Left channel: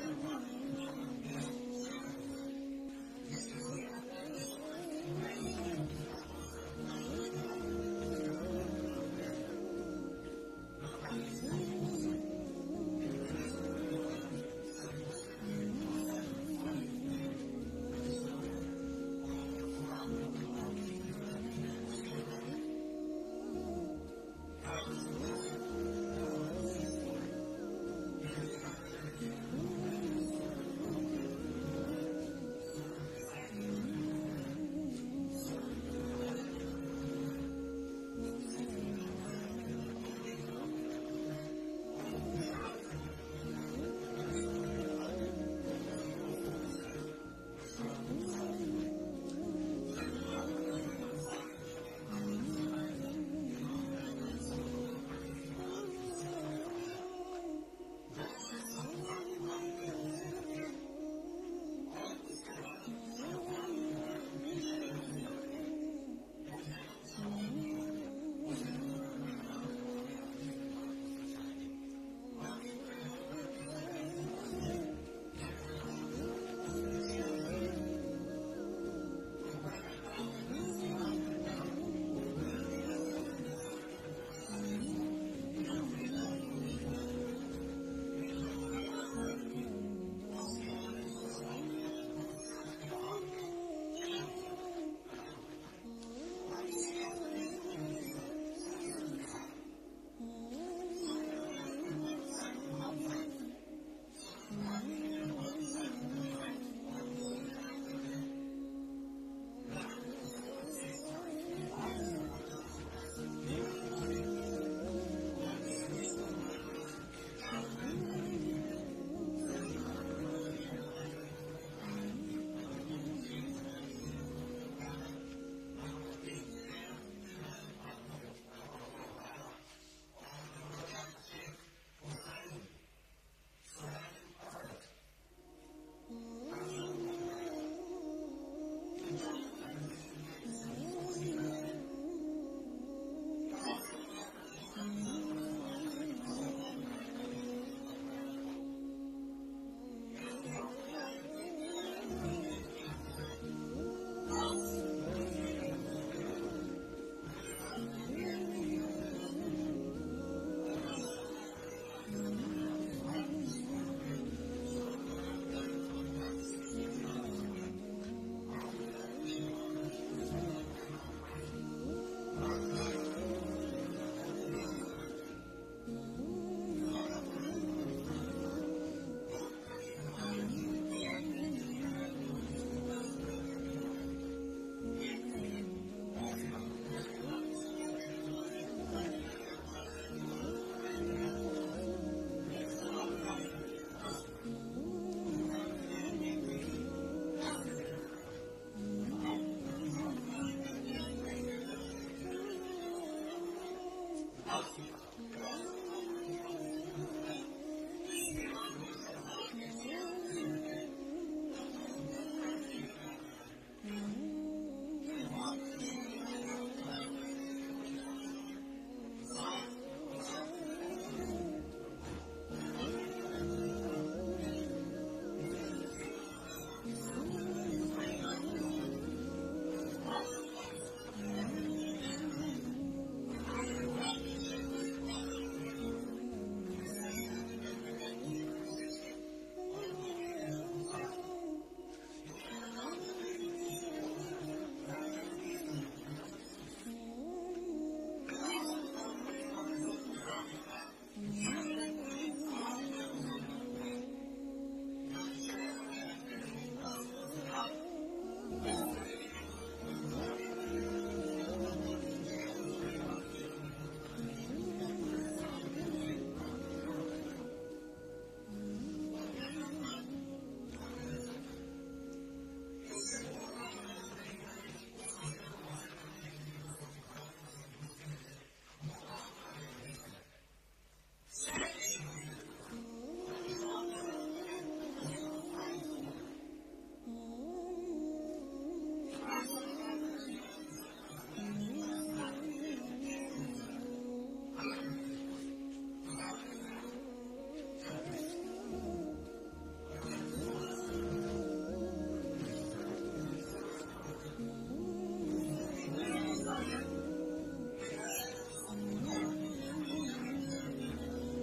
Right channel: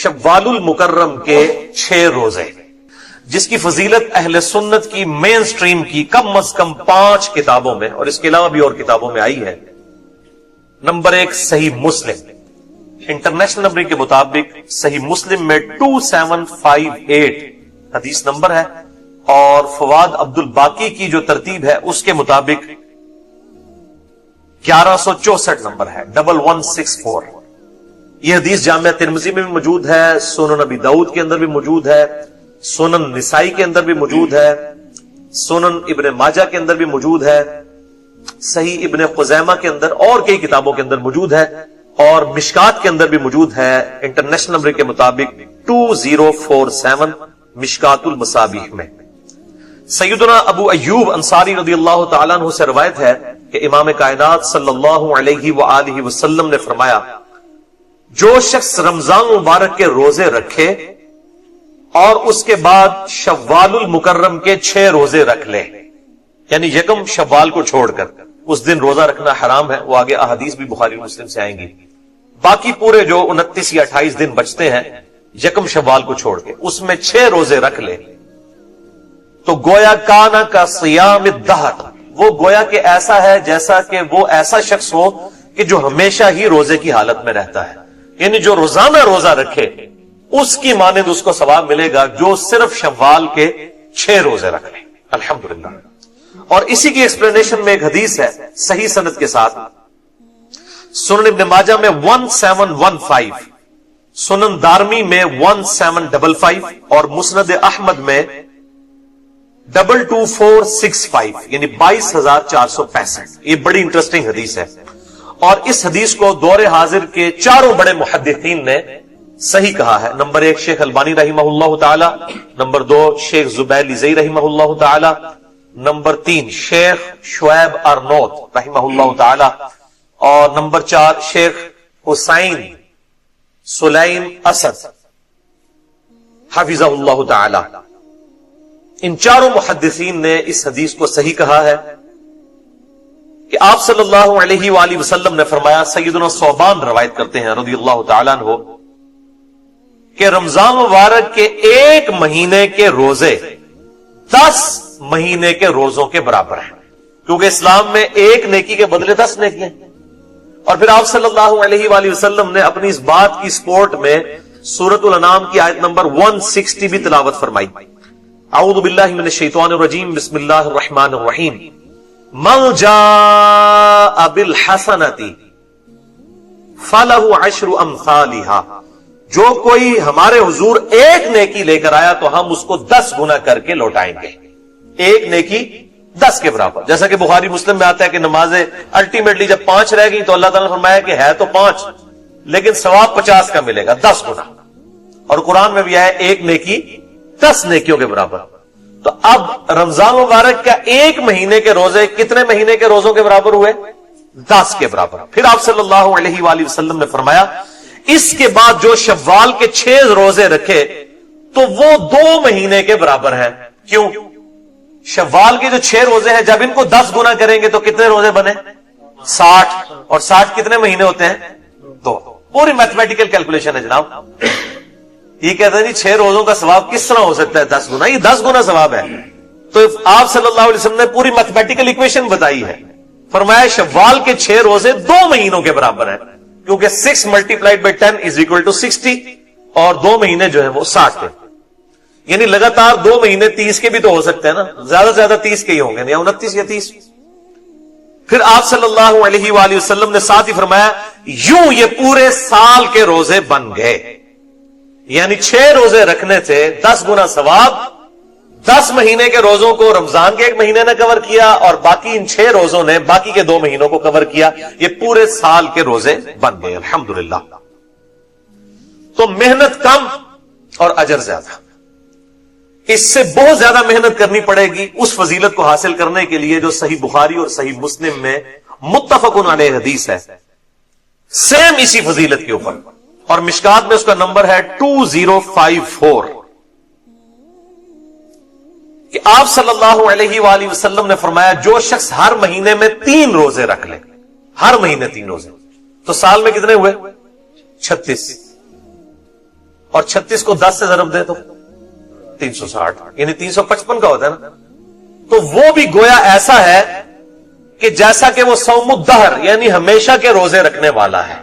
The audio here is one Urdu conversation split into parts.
شوال المکرم کے 6 روزے، جس کی فضیلت اہل سنت کی مین سٹریم کی کم از کم 5 کتابوں میں اور اس کے علاوہ بھی اور کتابوں میں آئی ہے۔ نمبر 1 صحیح مسلم، انٹرنیشنل نمبر کے مطابق صحیح مسلم میں 2758 حدیث نمبر ہے، اور فواد عبد الباقی کی جو ترتیب ہے اس کے مطابق 1164 نمبر ہے، 1164۔ یہ حدیث جامعہ ترمذی میں بھی موجود ہے، سنن نبی داؤد کے اندر بھی موجود ہے، سنن نسائی کے اندر بھی موجود ہے، سنن ابن ماجہ کے اندر بھی موجود ہے، صحیح ابن خزیمہ کے اندر اور کئی کتابوں کے اندر موجود ہے، اور مشکات کے اندر بھی موجود ہے انٹرنیشنل نمبر کے مطابق 2047 مشکات المصابیح میں۔ سیدنا ابو ایوب انصاری رضی اللہ تعالیٰ عنہ سے روایت ہے کہ امام کائنات صلی اللہ علیہ وآلہ وسلم نے فرمایا، جو شخص رمضان مبارک کے روزے رکھے اور اس کے بعد شوال المکرم کے 6 روزے رکھ لے، یعنی یکم شوال کو چھوڑ کر، اس دن روزہ رکھنا حرام ہے، وہ آگے احادیث بھی بخاری مسلم سے آئیں گی، باقی پورے جو 29 یا 28 دن بچتے ہیں یکم شوال کو چھوڑ کے اس میں 6 روزے رکھ لے، تو گویا کانا کا صیام الدہر، وہ گویا کہ ایسا ہے جیسا کہ وہ ایسا شخص ہو کہ جو ہمیشہ ہی روزے کی حالت میں رہتا ہے، یعنی جو روزانہ روزہ رکھے اس کی مانند اس کو ثواب ملے گا جو صرف شوال کے 6 روزے رکھ لے۔ الحمدللہ۔ اور اسی کی ایکسپلینیشن میں ایک حدیث ہے صحیح سند کے ساتھ، سنن ابن ماجہ میں 1715، سنن دارمی میں 1755 اور مسند احمد میں 22465، یعنی 22465۔ یہ بڑی انٹرسٹنگ حدیث ہے، اور اس حدیث کو دور حاضر کے چاروں بڑے محدثین نے صحیح کہا ہے۔ نمبر 1 شیخ البانی رحمہ اللہ تعالی، نمبر 2 شیخ زبیل زئی رحمہ اللہ تعالی، نمبر 3 شیخ شعیب ارنوت رحمہ اللہ تعالی، اور نمبر 4 شیخ حسین سلیم اسد حفظہ اللہ تعالی۔ ان چاروں محدثین نے اس حدیث کو صحیح کہا ہے کہ آپ صلی اللہ علیہ وآلہ وسلم نے فرمایا، سیدنا ثوبان روایت کرتے ہیں رضی اللہ تعالیٰ عنہ، کہ رمضان مبارک کے 1 مہینے کے روزے 10 مہینے کے روزوں کے برابر ہیں، کیونکہ اسلام میں 1 نیکی کے بدلے 10 نیکی ہیں۔ اور پھر آپ صلی اللہ علیہ وآلہ وسلم نے اپنی اس بات کی سپورٹ میں سورۃ الانعام کی آیت نمبر 160 بھی تلاوت فرمائی، اعوذ باللہ من الشیطان الرجیم، بسم اللہ الرحمن الرحیم، من جاء بالحسنۃ فلہ عشر امثالها، جو کوئی ہمارے حضور 1 نیکی لے کر آیا تو ہم اس کو 10 گنا کر کے لوٹائیں گے، 1 نیکی 10 کے برابر۔ جیسا کہ بخاری مسلم میں آتا ہے کہ نمازیں الٹیمیٹلی جب 5 رہ گئی تو اللہ تعالیٰ نے فرمایا کہ ہے تو 5 لیکن ثواب 50 کا ملے گا، 10 گنا۔ اور قرآن میں بھی آیا 1 نیکی 10 نیکیوں کے برابر۔ تو اب رمضان مبارک کا 1 مہینے کے روزے کتنے مہینے کے روزوں کے برابر ہوئے؟ 10 کے برابر۔ پھر آپ صلی اللہ علیہ وآلہ وسلم نے فرمایا، اس کے بعد جو شوال کے 6 روزے رکھے تو وہ 2 مہینے کے برابر ہیں۔ کیوں؟ شوال کے جو 6 روزے ہیں جب ان کو 10 گنا کریں گے تو کتنے روزے بنے؟ 60، اور 60 کتنے مہینے ہوتے ہیں؟ 2۔ پوری میتھمیٹیکل کیلکولیشن ہے جناب۔ یہ کہتے ہیں 6 روزوں کا ثواب کس طرح ہو سکتا ہے 10 گنا؟ یہ 10 گنا ثواب ہے۔ تو آپ صلی اللہ علیہ وسلم نے پوری میتھمیٹیکل ایکویشن بتائی ہے، فرمایا شوال کے 6 روزے 2 مہینوں کے برابر ہیں، کیونکہ 6 × 10 = 60، اور 2 مہینے جو ہیں وہ 60 کے، یعنی لگاتار 2 مہینے 30 کے بھی تو ہو سکتے ہیں نا، زیادہ سے زیادہ 30 کے ہی ہوں گے، یا 29 یا 30۔ پھر آپ صلی اللہ علیہ وآلہ وسلم نے ساتھ ہی فرمایا، یوں یہ پورے سال کے روزے بن گئے، یعنی 6 روزے رکھنے سے 10 گنا ثواب، 10 مہینے کے روزوں کو رمضان کے 1 مہینے نے کور کیا، اور باقی ان 6 روزوں نے باقی کے 2 مہینوں کو کور کیا، یہ پورے سال کے روزے بن گئے۔ الحمدللہ۔ تو محنت کم اور اجر زیادہ، اس سے بہت زیادہ محنت کرنی پڑے گی اس فضیلت کو حاصل کرنے کے لیے جو صحیح بخاری اور صحیح مسلم میں متفق علیہ حدیث ہے، سیم اسی فضیلت کے اوپر، اور مشکات میں اس کا نمبر ہے 2054، کہ آپ صلی اللہ علیہ وآلہ وسلم نے فرمایا، جو شخص ہر مہینے میں 3 روزے رکھ لے، ہر مہینے 3 روزے، تو سال میں کتنے ہوئے؟ 36۔ اور 36 کو 10 سے ضرب دے تو 360 یعنی 355 کا ہوتا ہے نا. تو وہ بھی گویا ایسا ہے کہ جیسا کہ وہ صوم الدہر یعنی ہمیشہ کے روزے رکھنے والا ہے.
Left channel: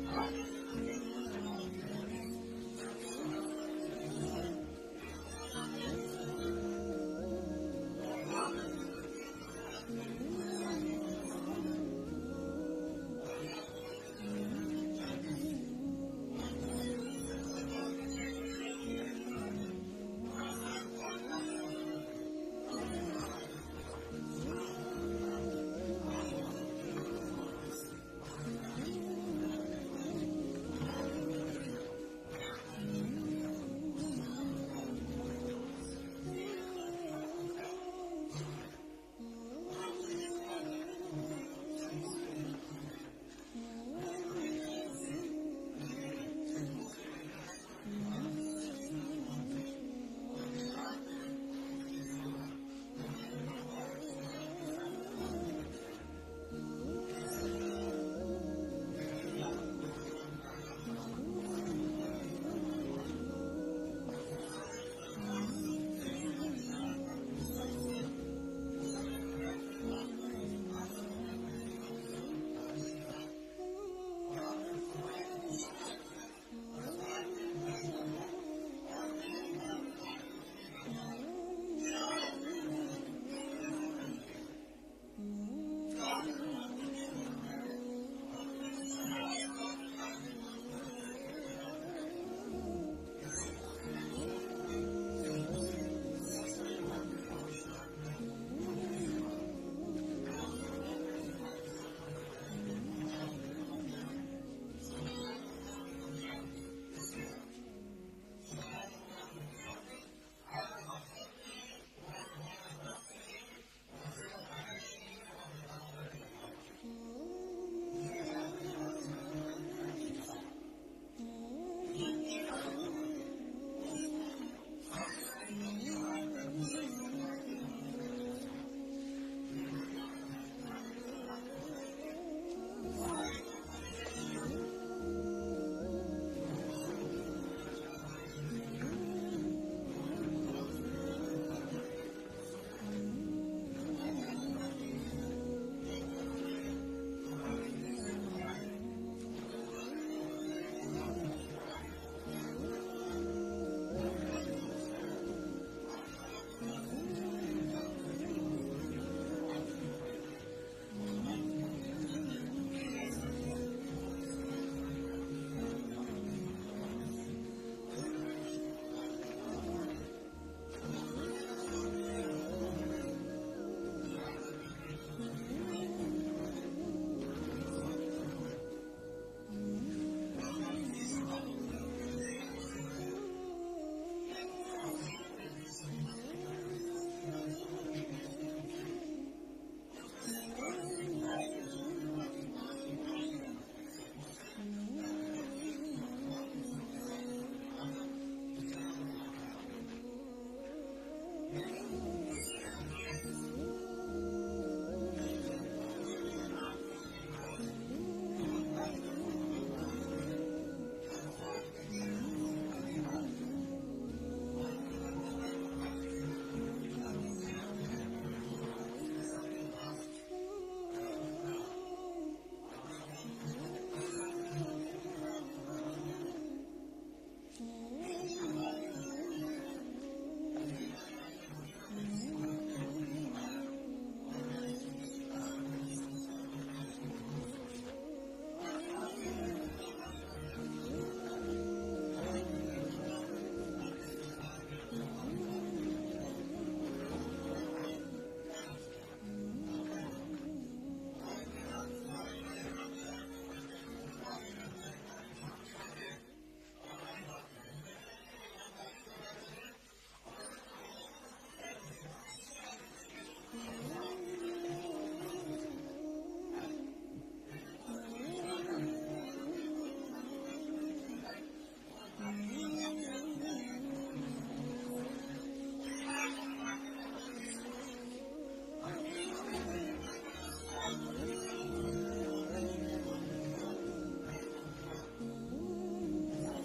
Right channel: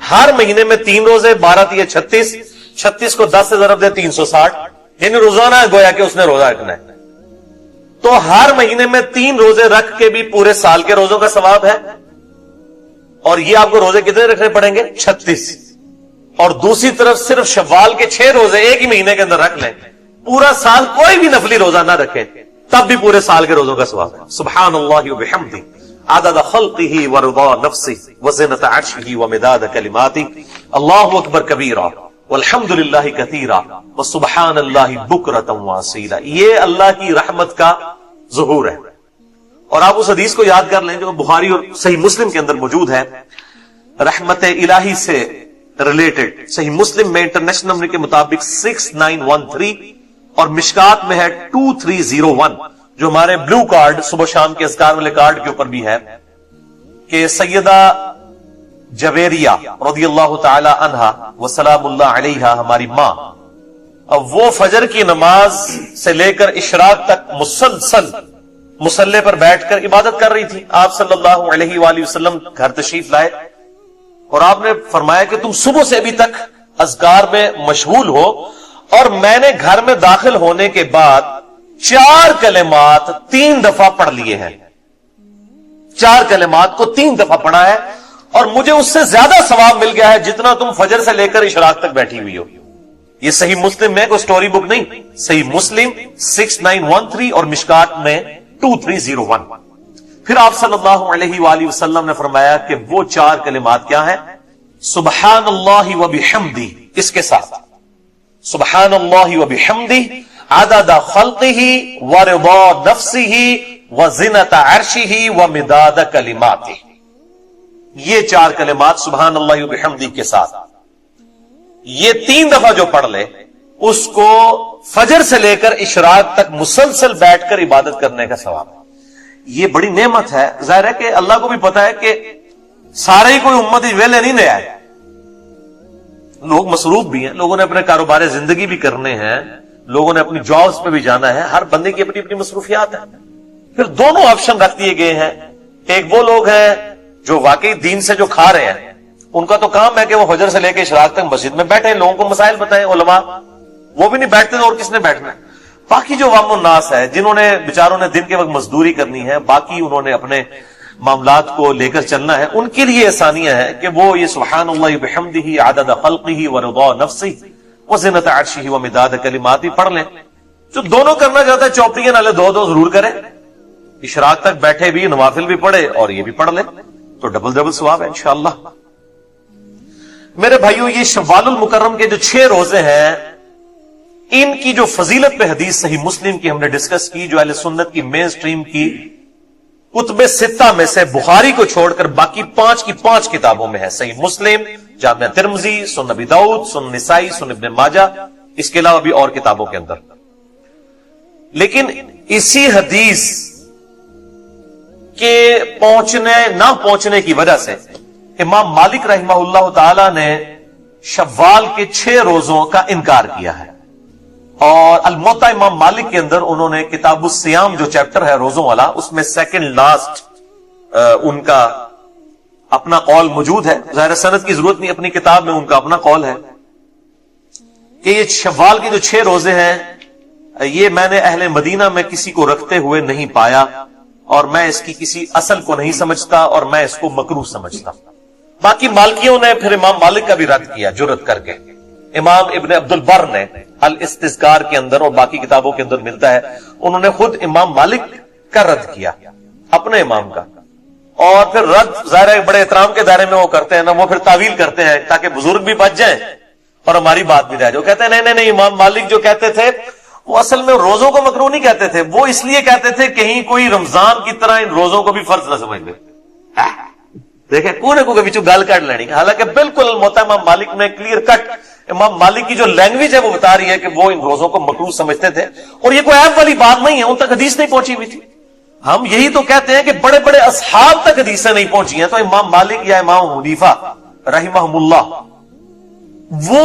ہر مہینے میں 3 روزے، 12 تیے 36، 36 کو 10 سے ضرب دے 360 یعنی روزانہ گویا کہ اس نے روزہ رکھنا ہے. تو ہر مہینے میں 3 روزے رکھ کے بھی پورے سال کے روزوں کا ثواب ہے. اور یہ آپ کو روزے کتنے رکھنے پڑیں گے؟ 36. اور دوسری طرف صرف شوال کے 6 روزے ایک ہی مہینے کے اندر رکھ لیں، پورا سال کوئی بھی نفلی روزہ نہ رکھیں، تب بھی پورے سال کے روزوں کا ثواب ہے. سبحان اللہ وبحمدہ عدد خلقہ ورضا نفسہ وزنۃ عرشہ ومداد کلماتہ. اللہ اکبر کبیرا والحمد للہ کثیرا وسبحان اللہ بکرۃ واصیلا. یہ اللہ کی رحمت کا ظہور ہے. اور آپ اس حدیث کو یاد کر لیں جو بخاری اور صحیح مسلم کے اندر موجود ہے، رحمت الہی سے ریلیٹڈ. صحیح مسلم میں انٹرنیشنل نمبر کے مطابق 6913 اور مشکات میں ہے 2301، جو ہمارے بلو کارڈ صبح شام کے اذکار والے کارڈ کے اوپر بھی ہے، کہ سیدہ جویریہ رضی اللہ تعالی عنہا وسلام اللہ علیہا ہماری ماں، اب وہ فجر کی نماز سے لے کر اشراق تک مسلسل مصلی پر بیٹھ کر عبادت کر رہی تھی. آپ صلی اللہ علیہ وآلہ وسلم گھر تشریف لائے اور آپ نے فرمایا کہ تم صبح سے ابھی تک اذکار میں مشغول ہو، اور میں نے گھر میں داخل ہونے کے بعد 4 کلمات 3 دفعہ پڑھ لیے ہیں. 4 کلمات کو 3 دفعہ پڑھا ہے اور مجھے اس سے زیادہ ثواب مل گیا ہے جتنا تم فجر سے لے کر اشراق تک بیٹھی ہوئی ہو. یہ صحیح مسلم میں کوئی سٹوری بک نہیں، صحیح مسلم 6913 اور مشکات میں 2301. پھر آپ صلی اللہ علیہ وآلہ وسلم نے فرمایا کہ وہ 4 کلمات کیا ہیں؟ سبحان اللہ وبحمدہ، اس کے ساتھ سبحان اللہ وبحمدہ عدد خلقہ ورضا نفسہ وزنۃ عرشہ ومداد کلماتہ. یہ 4 کلمات سبحان اللہ وبحمدہ کے ساتھ یہ 3 دفعہ جو پڑھ لے، اس کو فجر سے لے کر اشراق تک مسلسل بیٹھ کر عبادت کرنے کا ثواب. یہ بڑی نعمت ہے. ظاہر ہے کہ اللہ کو بھی پتا ہے کہ سارے ہی کوئی امت ویلے نہیں لے آئے، لوگ مصروف بھی ہیں، لوگوں نے اپنے کاروبار زندگی بھی کرنے ہیں، لوگوں نے اپنی جابز پہ بھی جانا ہے، ہر بندے کی اپنی اپنی مصروفیات ہیں. پھر دونوں آپشن رکھ دیے گئے ہیں. ایک وہ لوگ ہیں جو واقعی دین سے جو کھا رہے ہیں، ان کا تو کام ہے کہ وہ فجر سے لے کے اشراق تک مسجد میں بیٹھے، لوگوں کو مسائل بتائیں. علماء وہ بھی نہیں بیٹھتے اور کس نے بیٹھنا. باقی جو عوام الناس ہے جنہوں نے بیچاروں نے دن کے وقت مزدوری کرنی ہے، باقی انہوں نے اپنے معاملات کو لے کر چلنا ہے، ان کے لیے آسانیاں ہیں کہ وہ یہ سبحان اللہ وبحمدہ عدد خلقہ ورضا نفسہ وزنۃ عرشہ ومداد کلماتہ پڑھ لیں. جو دونوں کرنا چاہتا ہے چوپڑیاں نالے 2 ضرور کرے، اشراق تک بیٹھے بھی نوافل بھی پڑھے اور یہ بھی پڑھ لے تو ڈبل ثواب ہے انشاءاللہ. میرے بھائیو، یہ شوال المکرم کے جو 6 روزے ہیں، ان کی جو فضیلت پہ حدیث صحیح مسلم کی ہم نے ڈسکس کی، جو اہل سنت کی مین سٹریم کی کتب 6 میں سے بخاری کو چھوڑ کر باقی 5 کی 5 کتابوں میں ہے. صحیح مسلم، جامع ترمذی، سنن ابی داؤد، سنن نسائی، سنن ابن ماجہ، اس کے علاوہ بھی اور کتابوں کے اندر. لیکن اسی حدیث کے نہ پہنچنے کی وجہ سے امام مالک رحمہ اللہ تعالی نے شوال کے 6 روزوں کا انکار کیا ہے. اور الموطا امام مالک کے اندر انہوں نے کتاب الصیام جو چیپٹر ہے روزوں والا، اس میں سیکنڈ لاسٹ ان کا اپنا قول موجود ہے. ظاہر سند کی ضرورت نہیں، اپنی کتاب میں ان کا اپنا قول ہے کہ یہ شوال کے جو 6 روزے ہیں، یہ میں نے اہل مدینہ میں کسی کو رکھتے ہوئے نہیں پایا، اور میں اس کی کسی اصل کو نہیں سمجھتا، اور میں اس کو مکروہ سمجھتا. باقی مالکیوں نے پھر امام مالک کا بھی رد کیا جرت کر کے. امام ابن عبد البر نے الاستذکار کے اندر اور باقی کتابوں کے اندر ملتا ہے، انہوں نے خود امام مالک کا رد کیا، اپنے امام کا. اور پھر رد ظاہر بڑے احترام کے دائرے میں وہ کرتے ہیں نا، وہ پھر تعویل کرتے ہیں تاکہ بزرگ بھی بچ جائیں اور ہماری بات بھی رہ جائے. کہتے ہیں نہیں امام مالک جو کہتے تھے وہ اصل میں روزوں کو مکروہ نہیں کہتے تھے، وہ اس لیے کہتے تھے کہیں کوئی رمضان کی طرح ان روزوں کو بھی فرض نہ سمجھ لے. دیکھیں کونے کو بچوں گال کاٹ لینی. حالانکہ بالکل الموطا امام مالک میں کلیئر کٹ امام مالک کی جو لینگویج ہے وہ بتا رہی ہے کہ وہ ان روزوں کو مکروہ سمجھتے تھے، اور یہ کوئی عیب والی بات نہیں ہے، ان تک حدیث نہیں پہنچی ہوئی تھی. ہم یہی تو کہتے ہیں کہ بڑے بڑے اصحاب تک حدیثیں نہیں پہنچی ہیں، تو امام مالک یا امام حنیفہ رحمہم اللہ وہ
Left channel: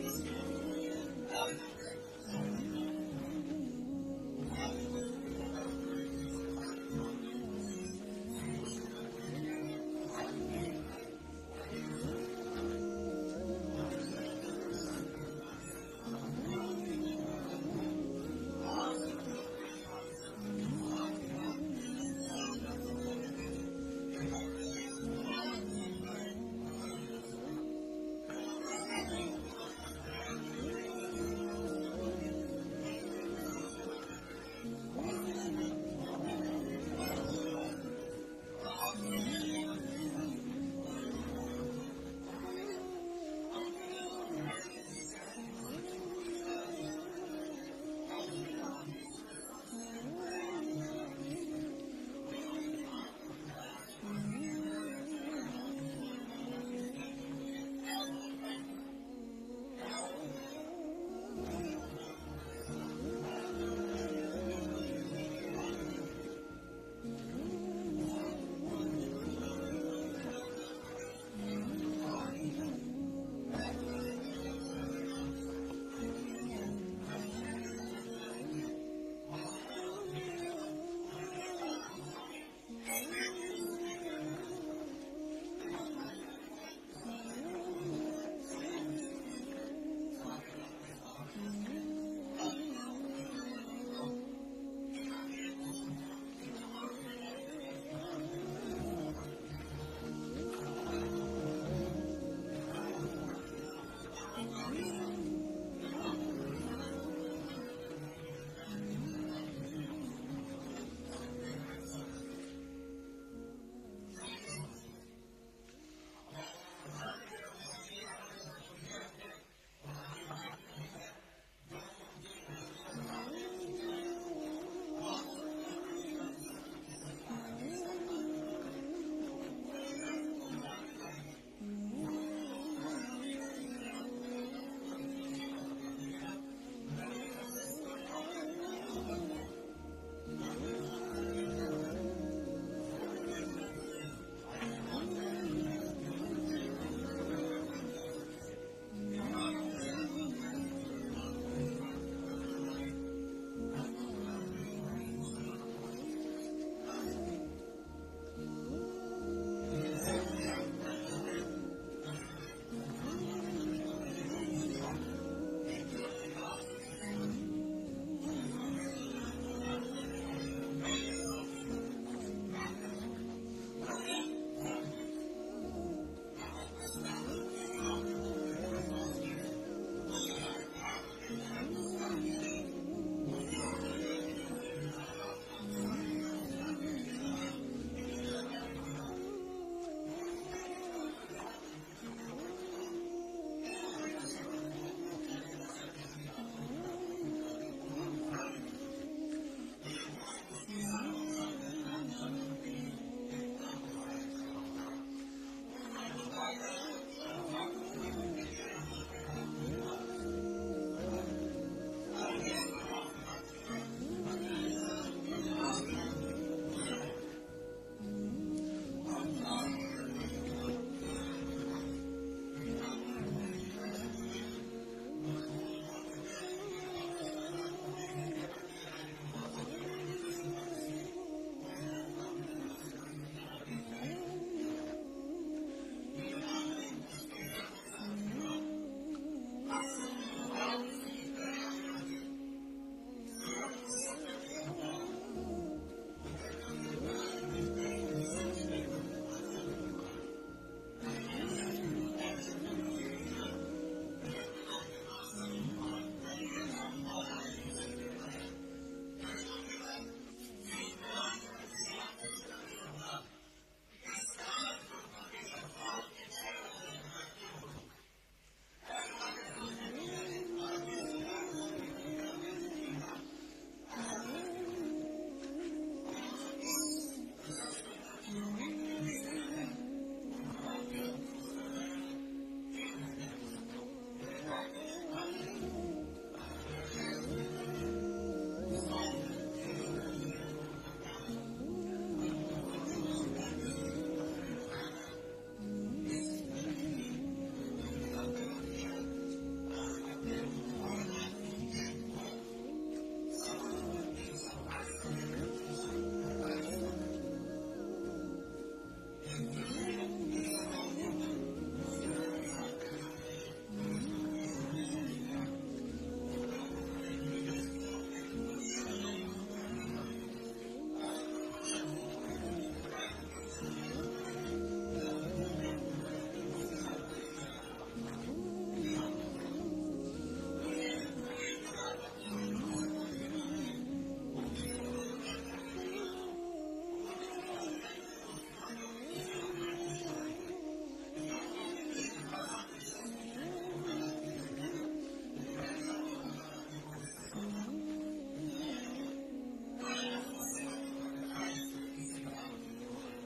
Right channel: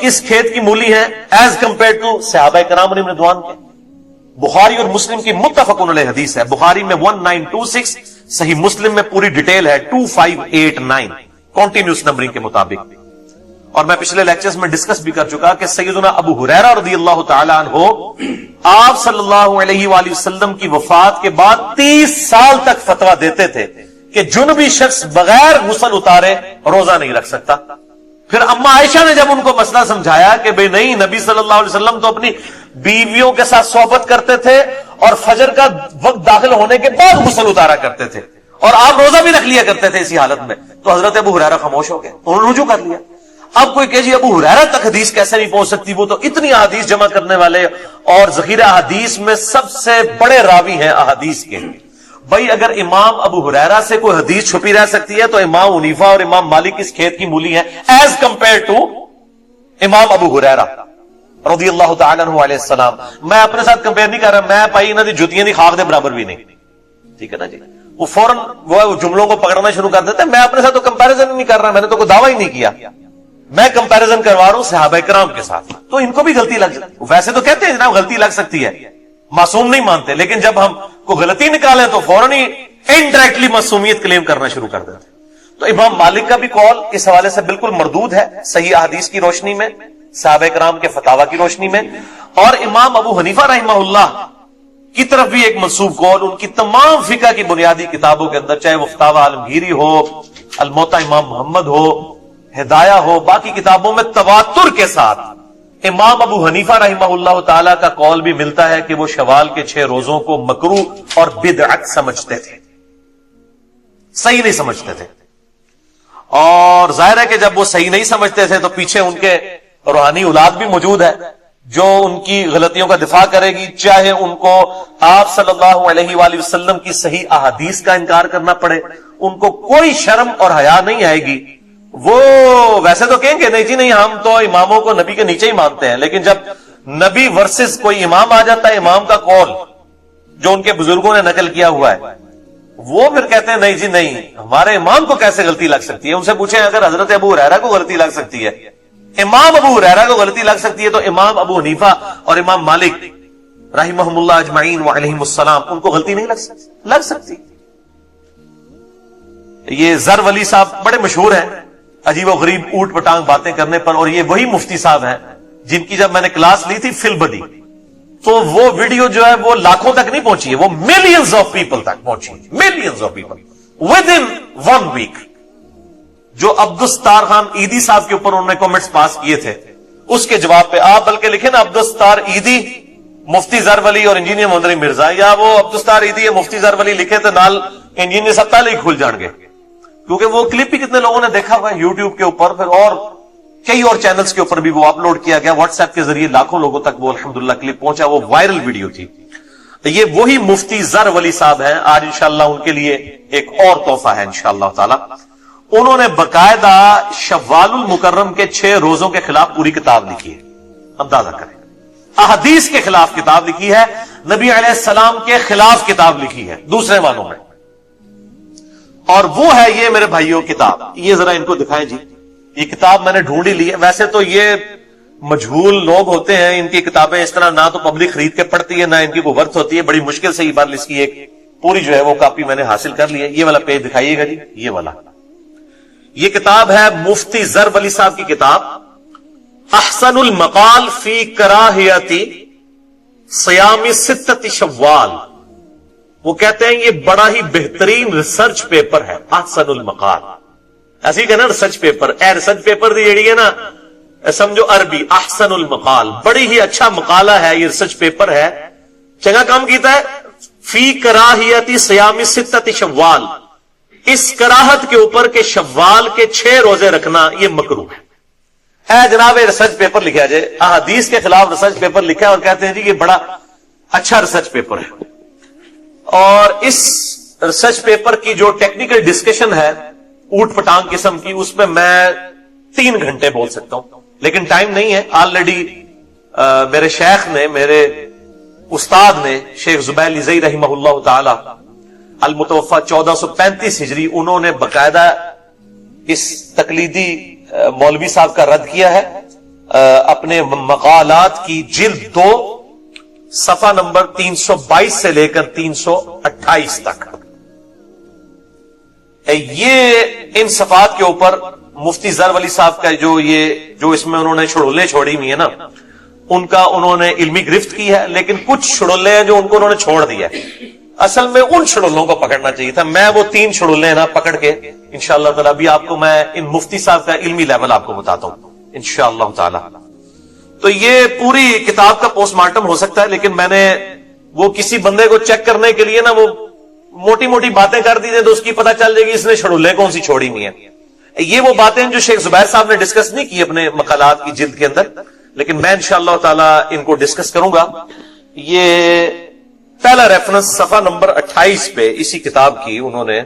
کس کھیت کی مولی ہیں ایز کمپیئر ٹو صحابہ کرام علیہم رضوان کے؟ بخاری اور مسلم کی متفقن علیہ حدیث ہے، بخاری میں 1926، صحیح مسلم میں پوری ڈیٹیل ہے 2589 کنٹینیوس نمبرنگ کے مطابق. اور میں پچھلے لیکچرز میں ڈسکس بھی کر چکا کہ سیدنا ابو ہریرہ رضی اللہ تعالی عنہ آپ صلی اللہ علیہ وآلہ وسلم کی وفات کے بعد 30 سال تک فتویٰ دیتے تھے کہ جنبی شخص بغیر غسل اتارے روزہ نہیں رکھ سکتا. پھر اما عائشہ نے جب ان کو مسئلہ سمجھایا کہ بھئی نہیں، نبی صلی اللہ علیہ وسلم تو اپنی بیویوں کے ساتھ صحبت کرتے تھے اور فجر کا وقت داخل ہونے کے بعد غسل اتارا کرتے تھے اور آپ روزہ بھی رکھ لیا کرتے تھے اسی حالت میں، تو حضرت ابو ہریرہ خاموش ہو گئے، انہوں نے رجوع کر لیا. اب کوئی کہ جی ابو ہریرہ تک حدیث کیسے نہیں پہنچ سکتی، وہ تو اتنی احادیث جمع کرنے والے اور ذخیرہ احادیث میں سب سے بڑے راوی ہیں احادیث کے. بھائی اگر امام ابو ہریرہ سے کوئی حدیث چھپی رہ سکتی ہے تو امام حنیفہ اور امام مالک اس کھیت کی مولی ہیں ایز کمپیئر ٹو امام ابو ہریرہ رضی اللہ تعالیٰ عنہ علیہ السلام. میں اپنے ساتھ کمپیئر نہیں کر رہا، میں پائی انہوں نے جتیاں دی خاک دے برابر بھی نہیں، ٹھیک ہے نا جی. وہ فوراً وہ جملوں کو پکڑنا شروع کر دیتے ہیں. میں اپنے ساتھ تو کمپیریزن نہیں کر رہا، میں نے تو کوئی دعویٰ ہی نہیں کیا، میں کمپیریزن کروا رہا ہوں صحابہ کرام کے ساتھ. تو ان کو بھی غلطی لگ سکتی، ویسے تو کہتے ہیں جناب غلطی لگ سکتی ہے، معصوم نہیں مانتے، لیکن جب ہم کو غلطی نکالیں تو فوراً ہی انڈائریکٹلی معصومیت کلیم کرنا شروع کر دیتے. تو امام مالک کا بھی قول اس حوالے سے بالکل مردود ہے صحیح احادیث کی روشنی میں، صحابہ کرام کے فتاوی کی روشنی میں. اور امام ابو حنیفہ رحمہ اللہ کی طرف بھی ایک منسوب قول ان کی تمام فقہ کی بنیادی کتابوں کے اندر، چاہے وہ فتاوی عالمگیری ہو، الموطا امام محمد ہو، ہدایہ ہو، باقی کتابوں میں تواتر کے ساتھ امام ابو حنیفہ رحمہ اللہ تعالی کا قول بھی ملتا ہے کہ وہ شوال کے 6 روزوں کو مکروہ اور بدعت سمجھتے تھے، صحیح نہیں سمجھتے تھے. اور ظاہر ہے کہ جب وہ صحیح نہیں سمجھتے تھے تو پیچھے ان کے روحانی اولاد بھی موجود ہے جو ان کی غلطیوں کا دفاع کرے گی، چاہے ان کو آپ صلی اللہ علیہ وآلہ وسلم کی صحیح احادیث کا انکار کرنا پڑے، ان کو کوئی شرم اور حیا نہیں آئے گی. وہ ویسے تو کہیں گے نہیں جی نہیں، ہم تو اماموں کو نبی کے نیچے ہی مانتے ہیں، لیکن جب نبی ورسز کوئی امام آ جاتا ہے، امام کا قول جو ان کے بزرگوں نے نقل کیا ہوا ہے، وہ پھر کہتے ہیں نہیں جی نہیں، ہمارے امام کو کیسے غلطی لگ سکتی ہے. ان سے پوچھیں اگر حضرت ابو ہریرہ کو غلطی لگ سکتی ہے، امام ابو ہریرہ کو غلطی لگ سکتی ہے، تو امام ابو حنیفہ اور امام مالک رحمہم اللہ اجمعین وعلیہم السلام ان کو غلطی نہیں لگ سکتی. یہ زر ولی صاحب بڑے مشہور ہیں عجیب و غریب اوٹ پٹانگ باتیں کرنے پر، اور یہ وہی مفتی صاحب ہیں جن کی جب میں نے کلاس لی تھی فل بدی، تو وہ ویڈیو جو ہے وہ لاکھوں تک نہیں پہنچی ہے، وہ ملینز آف پیپل تک پہنچی، millions of people with in 1 week. جو عبدالستار خان عیدی صاحب کے اوپر انہوں نے کمنٹس پاس کیے تھے، اس کے جواب پہ آپ بلکہ لکھیں نا عبدالستار عیدی، مفتی زر ولی اور انجینئر محمد علی مرزا، یا وہ عبدالستار عیدی یا مفتی زر ولی لکھے تو نال انجینئر ستال ہی کھل جان گے، کیونکہ وہ کلپ بھی کتنے لوگوں نے دیکھا ہوا ہے یوٹیوب کے اوپر، پھر اور کئی اور چینلز کے اوپر بھی وہ اپلوڈ کیا گیا، واٹس ایپ کے ذریعے لاکھوں لوگوں تک وہ الحمدللہ کلپ پہنچا، وہ وائرل ویڈیو تھی. تو یہ وہی مفتی زر ولی صاحب ہیں. آج انشاءاللہ ان کے لیے ایک اور تحفہ ہے انشاءاللہ تعالی. انہوں نے باقاعدہ شوال المکرم کے 6 روزوں کے خلاف پوری کتاب لکھی ہے، اندازہ کریں، احادیث کے خلاف کتاب لکھی ہے، نبی علیہ السلام کے خلاف کتاب لکھی ہے دوسرے معنوں میں. اور وہ ہے یہ میرے بھائیوں کتاب، یہ ذرا ان کو دکھائیں جی. یہ کتاب میں نے ڈھونڈی لی ہے، ویسے تو یہ مجہول لوگ ہوتے ہیں، ان کی کتابیں اس طرح نہ تو پبلک خرید کے پڑھتی ہے نہ ان کی کوئی ورث ہوتی ہے، بڑی مشکل سے یہ بات اس کی ایک پوری جو ہے وہ کاپی میں نے حاصل کر لی ہے. یہ والا پیج دکھائیے گا جی، یہ والا. یہ کتاب ہے مفتی زر ولی صاحب کی کتاب، احسن المقال فی کراہیت صیام 6 شوال. وہ کہتے ہیں یہ بڑا ہی بہترین ریسرچ پیپر ہے، احسن المقال، ایسے ہی کہنا ریسرچ پیپر، اے ریسرچ پیپر دی جیڑی ہے نا سمجھو عربی، احسن المقال، بڑی ہی اچھا مقالہ ہے، یہ ریسرچ پیپر ہے، چنگا کام کیتا ہے. فی کراہیت صیام 6 شوال، اس کراہت کے اوپر کہ شوال کے 6 روزے رکھنا یہ مکروہ ہے. اے جناب ریسرچ پیپر لکھا جائے، احادیث کے خلاف ریسرچ پیپر لکھا ہے اور کہتے ہیں جی یہ بڑا اچھا ریسرچ پیپر ہے. اور اس ریسرچ پیپر کی جو ٹیکنیکل ڈسکشن ہے اوٹ پٹانگ قسم کی، اس میں 3 گھنٹے بول سکتا ہوں، لیکن ٹائم نہیں ہے. آلریڈی میرے شیخ نے، میرے استاد نے، شیخ زبیر زئی رحمہ اللہ تعالی المتوفى 1435 ہجری، انہوں نے باقاعدہ اس تقلیدی مولوی صاحب کا رد کیا ہے اپنے مقالات کی جلد 2 صفحہ نمبر 322 سے لے کر 328 تک. یہ ان صفحات کے اوپر مفتی ظفر ولی صاحب کا جو اس میں انہوں نے چھڑولے چھوڑی ہوئی ہیں نا، ان کا انہوں نے علمی گرفت کی ہے، لیکن کچھ چھڑولے ہیں جو ان کو انہوں نے چھوڑ دیا ہے. اصل میں ان چھڑولوں کو پکڑنا چاہیے تھا. میں وہ 3 چھڑولے ہیں نا پکڑ کے انشاءاللہ تعالی ابھی آپ کو میں ان مفتی صاحب کا علمی لیول آپ کو بتاتا ہوں انشاءاللہ تعالی. تو یہ پوری کتاب کا پوسٹ مارٹم ہو سکتا ہے، لیکن میں نے وہ کسی بندے کو چیک کرنے کے لیے نا وہ موٹی موٹی باتیں کر دی تو اس کی پتہ چل جائے گی اس نے چھڑولے کون سی چھوڑی ہوئی ہیں. یہ وہ باتیں جو شیخ زبیر صاحب نے ڈسکس نہیں کی اپنے مقالات کی جلد کے اندر، لیکن میں انشاءاللہ تعالی ان کو ڈسکس کروں گا. یہ پہلا ریفرنس صفحہ نمبر 28 پہ اسی کتاب کی انہوں نے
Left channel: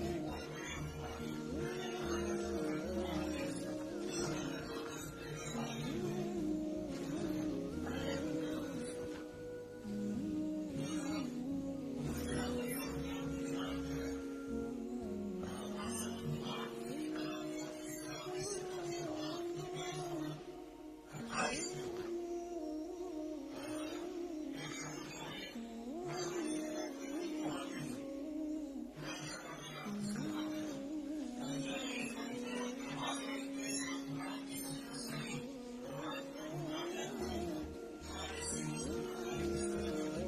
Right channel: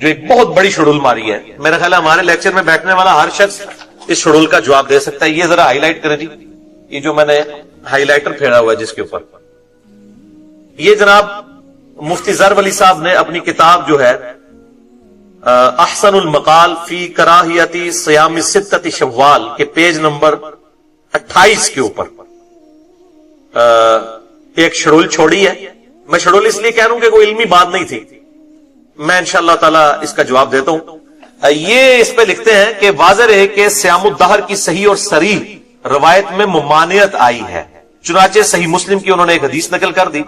جو ایک بہت بڑی شڈول ماری ہے. میرا خیال ہے ہمارے لیکچر میں بیٹھنے والا ہر شخص اس شڈول کا جواب دے سکتا ہے. یہ ذرا ہائی لائٹ کریں جی، یہ جو میں نے ہائی لائٹر پھیرا ہوا ہے جس کے اوپر، یہ جناب مفتی ظفر ولی صاحب نے اپنی کتاب جو ہے احسن المقال فی کراہیت صیام 6 شوال کے پیج نمبر 28 کے اوپر ایک شڈول چھوڑی ہے. میں شڈول اس لیے کہہ رہا ہوں کہ کوئی علمی بات نہیں تھی، میں انشاءاللہ تعالی اس کا جواب دیتا ہوں. یہ اس پہ لکھتے ہیں کہ واضح رہے کہ صیام الدہر کی صحیح اور صریح روایت میں ممانعت آئی ہے، چنانچہ صحیح مسلم کی انہوں نے ایک حدیث نقل کر دی.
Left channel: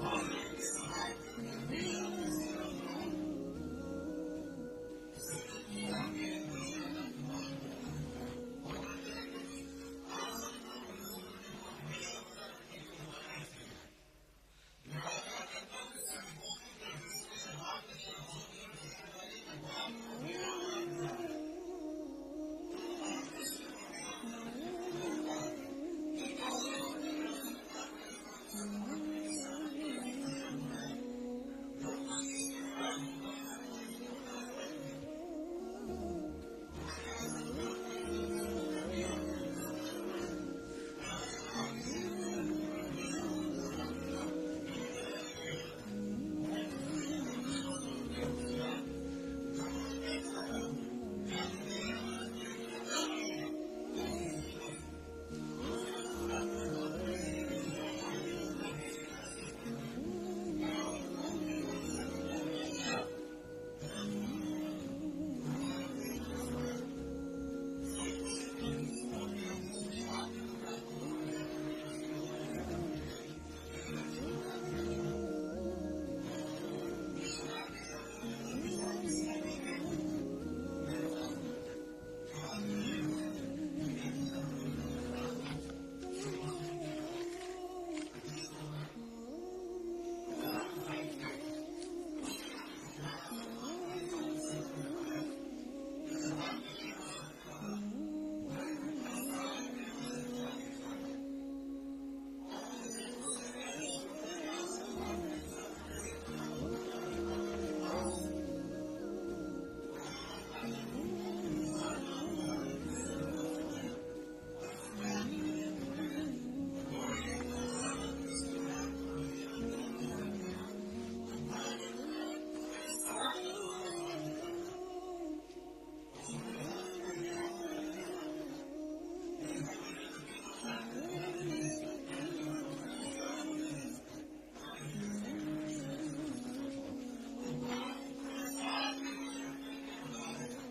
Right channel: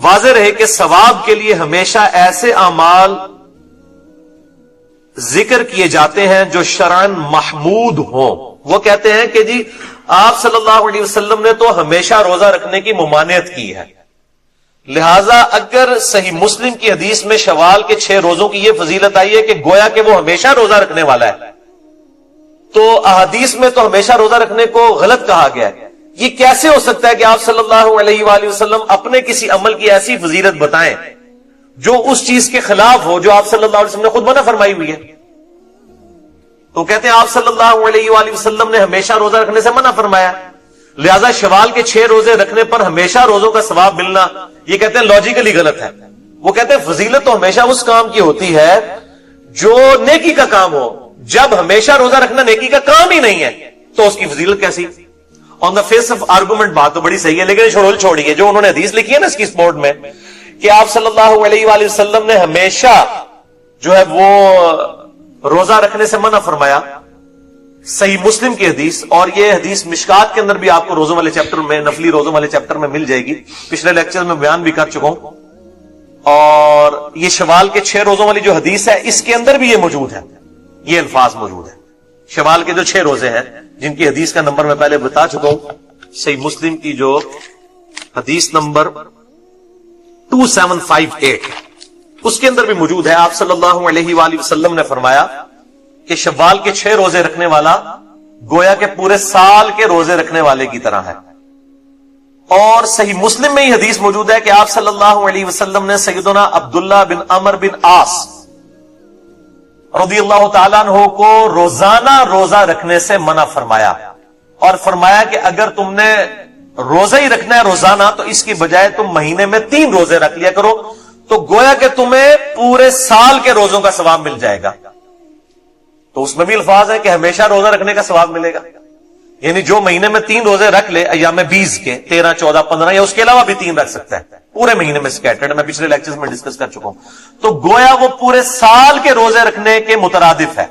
واضح رہے کہ ثواب کے لیے ہمیشہ ایسے اعمال ذکر کیے جاتے ہیں جو شرعاً محمود ہوں. وہ کہتے ہیں کہ جی آپ صلی اللہ علیہ وسلم نے تو ہمیشہ روزہ رکھنے کی ممانعت کی ہے، لہذا اگر صحیح مسلم کی حدیث میں شوال کے 6 روزوں کی یہ فضیلت آئی ہے کہ گویا کہ وہ ہمیشہ روزہ رکھنے والا ہے، تو احادیث میں تو ہمیشہ روزہ رکھنے کو غلط کہا گیا ہے. یہ کیسے ہو سکتا ہے کہ آپ صلی اللہ علیہ وآلہ وسلم اپنے کسی عمل کی ایسی فضیلت بتائیں جو اس چیز کے خلاف ہو جو آپ صلی اللہ علیہ وسلم نے خود منع فرمائی ہوئی ہے؟ تو کہتے ہیں آپ صلی اللہ علیہ وآلہ وسلم نے ہمیشہ روزہ رکھنے سے منع فرمایا، لہذا شوال کے 6 روزے رکھنے پر ہمیشہ روزوں کا ثواب ملنا، یہ کہتے ہیں لاجیکلی غلط ہے. وہ کہتے ہیں فضیلت تو ہمیشہ اس کام کی ہوتی ہے جو نیکی کا کام ہو. جب ہمیشہ روزہ رکھنا نیکی کا کام ہی نہیں ہے تو اس کی فضیلت کیسی؟ آن دا فیس آف آرگومنٹ بات تو بڑی صحیح ہے، لیکن شڈول چھوڑی ہے جو انہوں نے حدیث لکھی ہے نا اس کی سپورٹ میں کہ آپ صلی اللہ علیہ وآلہ وسلم نے ہمیشہ جو ہے وہ روزہ رکھنے سے منع فرمایا. صحیح مسلم کی حدیث، اور یہ حدیث مشکات کے اندر بھی آپ کو روزوں والے چیپٹر میں، نفلی روزوں والے چیپٹر میں مل جائے گی. پچھلے لیکچر میں بیان بھی کر چکا ہوں. اور یہ شوال کے 6 روزوں والی جو حدیث ہے اس کے اندر بھی یہ موجود ہے، یہ الفاظ موجود ہے. شوال کے جو 6 روزے ہیں جن کی حدیث کا نمبر میں پہلے بتا چکا ہوں، صحیح مسلم کی جو حدیث نمبر 2758 اس کے اندر بھی موجود ہے. آپ صلی اللہ علیہ وآلہ وسلم نے فرمایا کہ شوال کے 6 روزے رکھنے والا گویا کہ پورے سال کے روزے رکھنے والے کی طرح ہے. اور صحیح مسلم میں ہی حدیث موجود ہے کہ آپ صلی اللہ علیہ وسلم نے سیدنا عبداللہ بن عمر بن عاص رضی اللہ تعالیٰ عنہ کو روزانہ روزہ رکھنے سے منع فرمایا، اور فرمایا کہ اگر تم نے روزہ ہی رکھنا ہے روزانہ تو اس کی بجائے تم مہینے میں 3 روزے رکھ لیا کرو، تو گویا کہ تمہیں پورے سال کے روزوں کا ثواب مل جائے گا. تو اس میں بھی الفاظ ہے کہ ہمیشہ روزہ رکھنے کا ثواب ملے گا، یعنی جو مہینے میں 3 روزے رکھ لے ایام 20 کے 13 14 15 یا اس کے علاوہ بھی 3 رکھ سکتا ہے پورے مہینے میں سکیٹرڈ، میں پچھلے لیکچرز میں ڈسکس کر چکا ہوں. تو گویا وہ پورے سال کے روزے رکھنے کے مترادف ہے.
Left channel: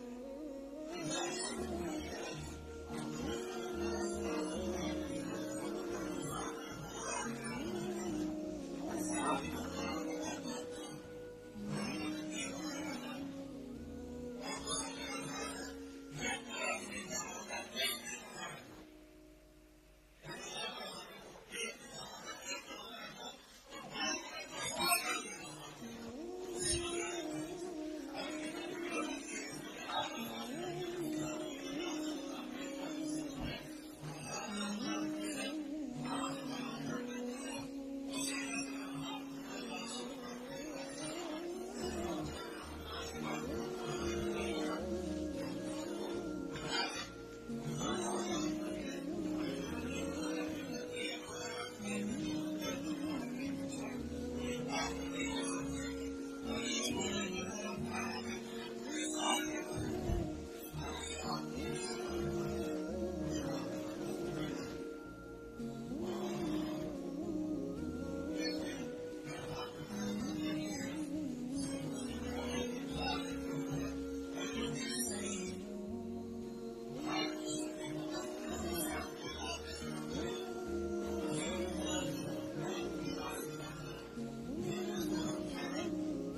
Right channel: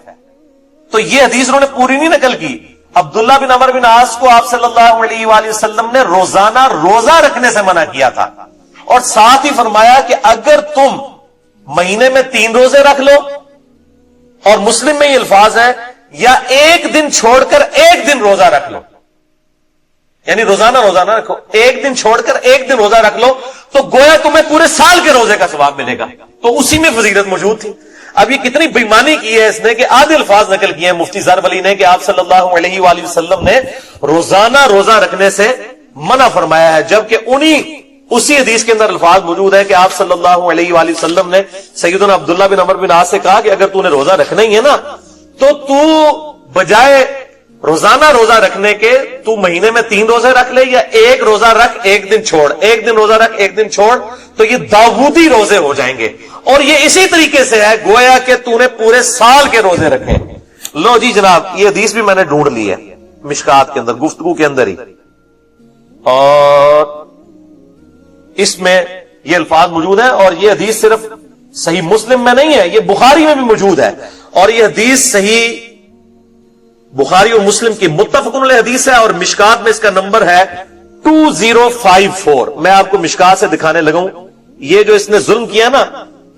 تو یہ حدیث انہوں نے پوری نہیں نقل کی. عبداللہ بن عمر بن عاص کو آپ صلی اللہ علیہ وآلہ وسلم نے روزانہ روزہ رکھنے سے منع کیا تھا، اور ساتھ ہی فرمایا کہ اگر تم مہینے میں 3 روزے رکھ لو، اور مسلم میں یہ الفاظ ہے یا ایک دن چھوڑ کر ایک دن روزہ رکھ لو، یعنی روزانہ روزانہ رکھو، ایک دن چھوڑ کر ایک دن روزہ رکھ لو، تو گویا تمہیں پورے سال کے روزے کا ثواب ملے گا. تو اسی میں فضیلت موجود تھی. اب یہ کتنی بےمانی کی ہے اس نے کہ آدھے الفاظ نقل کیے ہیں مفتی ظفر ولی نے کہ آپ صلی اللہ علیہ وآلہ وسلم نے روزانہ روزہ رکھنے سے منع فرمایا ہے، جبکہ اسی حدیث کے اندر الفاظ موجود ہے کہ آپ صلی اللہ علیہ وآلہ وسلم نے سیدنا عبداللہ بن عمر بن عاص سے کہا کہ اگر تو نے روزہ رکھنا ہی ہے نا تو بجائے روزانہ روزہ رکھنے کے تو مہینے میں 3 روزے رکھ لے، یا ایک روزہ رکھ ایک دن چھوڑ، ایک دن روزہ رکھ ایک دن چھوڑ، تو یہ داؤدی روزے ہو جائیں گے. اور یہ اسی طریقے سے ہے گویا کہ تو نے پورے سال کے روزے رکھے. لو جی جناب یہ حدیث بھی میں نے ڈھونڈ لی ہے مشکات کے اندر، گفتگو کے اندر ہی، اور اس میں یہ الفاظ موجود ہیں، اور یہ حدیث صرف صحیح مسلم میں نہیں ہے، یہ بخاری میں بھی موجود ہے، اور یہ حدیث صحیح بخاری اور مسلم کی متفق علیہ حدیث ہے، اور مشکات میں اس کا نمبر ہے 2054۔ میں آپ کو مشکات سے دکھانے لگا ہوں۔ یہ جو اس نے ظلم کیا نا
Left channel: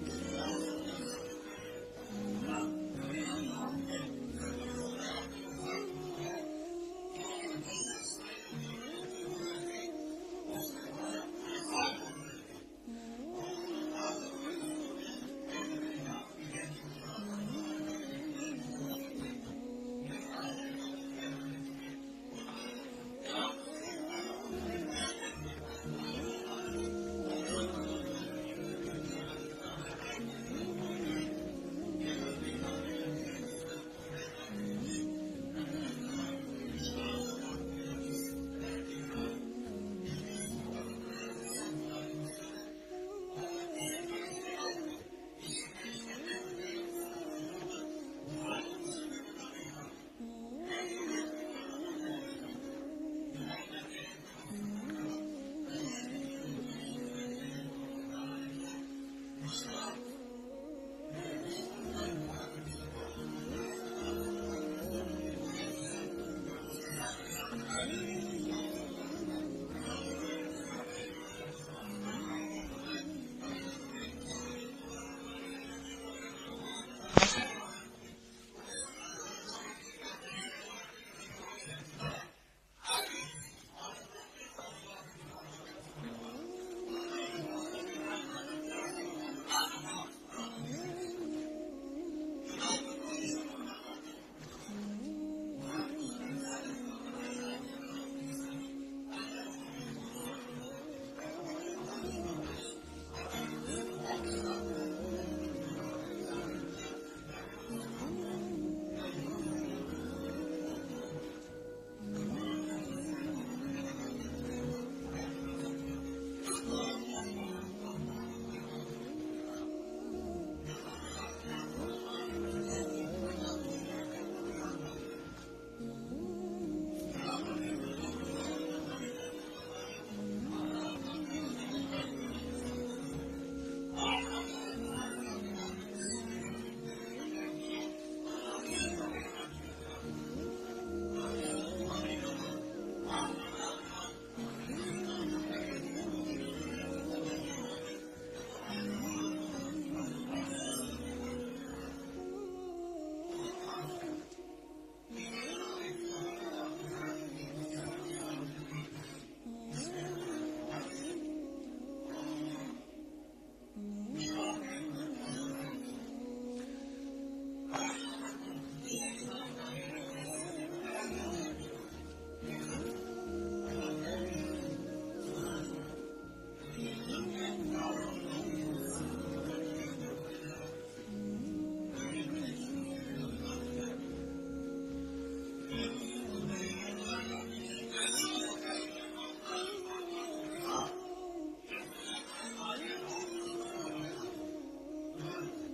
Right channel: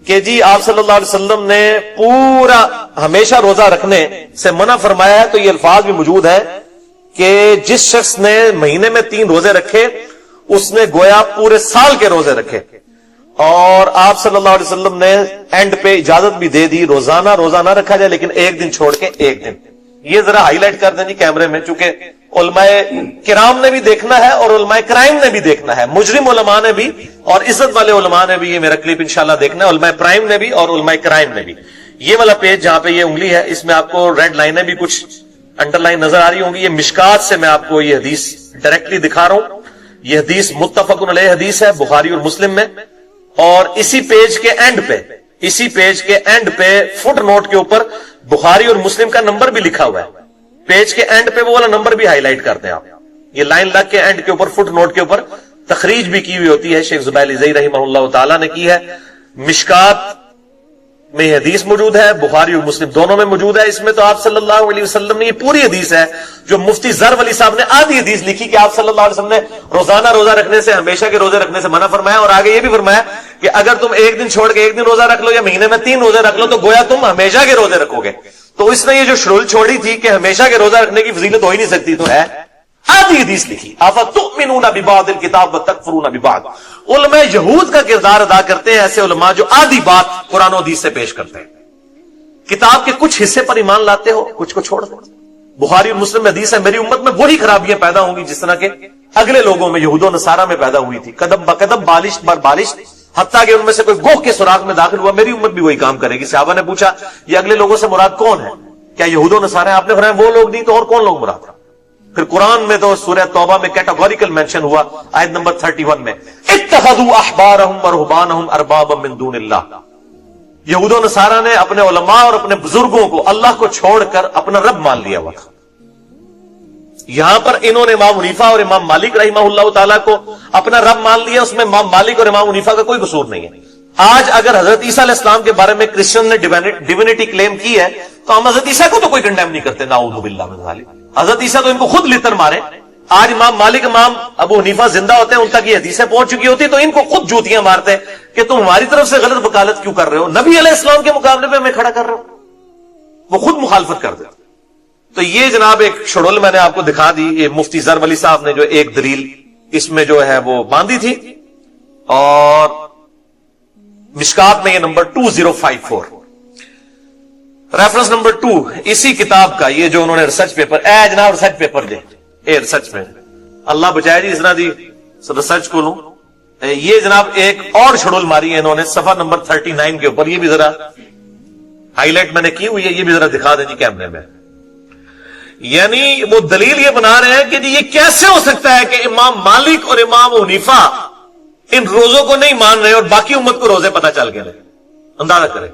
کہ جی آپ صلی اللہ علیہ وسلم نے پورا ہمیشہ روزہ رکھنے سے منع فرمایا ہے، تو یہ الفاظ بھی موجود ہے کہ جس شخص نے مہینے میں 3 روزے رکھے اس نے گویا پورے سال کے روزے رکھے، اور آپ صلی اللہ علیہ وسلم نے اینڈ پہ اجازت بھی دے دی روزانہ روزہ نہ رکھا جائے لیکن ایک دن چھوڑ کے ایک دن۔ یہ ذرا ہائی لائٹ کر دیں جی کیمرے میں، چونکہ علماء کرام نے بھی دیکھنا ہے اور علماء کرائم نے بھی دیکھنا ہے، مجرم علماء نے بھی اور عزت والے علماء نے بھی یہ میرا کلپ انشاءاللہ دیکھنا ہے، علماء پرائم نے بھی اور علماء کرائم نے بھی۔ یہ والا پیج جہاں پہ یہ انگلی ہے اس میں آپ کو ریڈ لائنیں بھی کچھ انڈر لائن نظر آ رہی ہوں گی، یہ مشکات سے میں آپ کو یہ حدیث ڈائریکٹلی دکھا رہا ہوں۔ یہ حدیث متفق علیہ حدیث ہے بخاری اور مسلم میں، اور اسی پیج کے اینڈ پہ فٹ نوٹ کے اوپر بخاری اور مسلم کا نمبر بھی لکھا ہوا ہے۔ پیج کے اینڈ پہ وہ والا نمبر بھی ہائی لائٹ کرتے ہیں آپ، یہ لائن لگ کے اینڈ کے اوپر فٹ نوٹ کے اوپر تخریج بھی کی ہوئی ہوتی ہے، شیخ زبیر الزئی رحمہ اللہ تعالیٰ نے کی ہے۔ مشکات میں یہ حدیث موجود ہے، بخاری اور مسلم دونوں میں موجود ہے۔ اس میں تو آپ صلی اللہ علیہ وسلم نے یہ پوری حدیث ہے جو مفتی زر ولی صاحب نے آدھی حدیث لکھی کہ آپ صلی اللہ علیہ وسلم نے روزانہ روزہ رکھنے سے، ہمیشہ کے روزے رکھنے سے منع فرمایا، اور آگے یہ بھی فرمایا کہ اگر تم ایک دن چھوڑ کے ایک دن روزہ رکھ لو یا مہینے میں 3 روزے رکھ لو تو گویا تم ہمیشہ کے روزے رکھو گے۔ تو اس نے یہ جو شرول چھوڑی تھی کہ ہمیشہ کے روزہ رکھنے کی فضیلت ہو ہی نہیں سکتی، تو ہے آدھی حدیث لکھی۔ افتؤمنون ببعض الکتاب وتکفرون ببعض۔ علماء یہود کا کردار ادا کرتے ہیں ایسے علماء جو آدھی بات قرآن و حدیث سے پیش کرتے ہیں، کتاب کے کچھ حصے پر ایمان لاتے ہو، کچھ کو چھوڑ دو۔ بخاری اور مسلم میں حدیث ہے میری امت میں وہی خرابیاں پیدا ہوں گی جس طرح کے اگلے لوگوں میں یہود و نصارہ میں پیدا ہوئی تھی، قدم بقدم بالش بر بالش، حتیٰ کہ ان میں سے کوئی گوہ کے سراغ میں داخل ہوا، میری امت بھی وہی کام کرے گی۔ صحابہ نے پوچھا یہ اگلے لوگوں سے مراد کون ہے؟ کیا یہود و نصارہ ہیں؟ آپ نے فرمایا وہ لوگ نہیں تو اور کون لوگ مراد؟ پھر قرآن میں تو سورہ توبہ میں کیٹاگوریکل مینشن ہوا آیت نمبر 31 میں، اتخذوا احبارهم ورهبانهم اربابا من دون اللہ۔ یہود و نصارہ نے اپنے علماء اور اپنے بزرگوں کو اللہ کو چھوڑ کر اپنا رب مان لیا ہوا تھا۔ یہاں پر انہوں نے امام حنیفہ اور امام مالک رحمہ اللہ تعالیٰ کو اپنا رب مان لیا، اس میں امام مالک اور امام حنیفہ کا کوئی قصور نہیں ہے۔ آج اگر حضرت عیسیٰ علیہ السلام کے بارے میں کرسچن نے ڈیوینٹی کلیم کی ہے تو ہم حضرت عیسیٰ کو تو کوئی کنڈیم نہیں کرتے، نعوذ باللہ من ذالک۔ حضرت عیسیٰ تو ان کو خود لتر مارے۔ آج امام مالک امام ابو حنیفہ زندہ ہوتے ہیں، ان تک یہ حدیثیں پہنچ چکی ہوتی تو ان کو خود جوتیاں مارتے کہ تم ہماری طرف سے غلط وکالت کیوں کر رہے ہو، نبی علیہ السلام کے مقابلے پہ ہمیں کھڑا کر رہے ہو، وہ خود مخالفت کر دے۔ تو یہ جناب ایک شڑول میں نے آپ کو دکھا دی، یہ مفتی زر ولی صاحب نے جو ایک دلیل اس میں جو ہے وہ باندھی تھی، اور مشکات میں یہ نمبر 2054 ریفرنس نمبر 2 اسی کتاب کا، یہ جو انہوں نے ریسرچ پیپر، اے جناب research paper they, a research میں اللہ بچائے جی اس طرح دی ریسرچ کو لوں۔ یہ جناب ایک اور شڑول ماری ہے انہوں نے صفحہ نمبر 39 کے اوپر، یہ بھی ذرا ہائی لائٹ میں نے کی ہوئی ہے، یہ بھی ذرا دکھا دیں جی کیمرے میں۔ یعنی وہ دلیل یہ بنا رہے ہیں کہ جی یہ کیسے ہو سکتا ہے کہ امام مالک اور امام حنیفہ ان روزوں کو نہیں مان رہے اور باقی امت کو روزے پتہ چل گئے۔ اندازہ کریں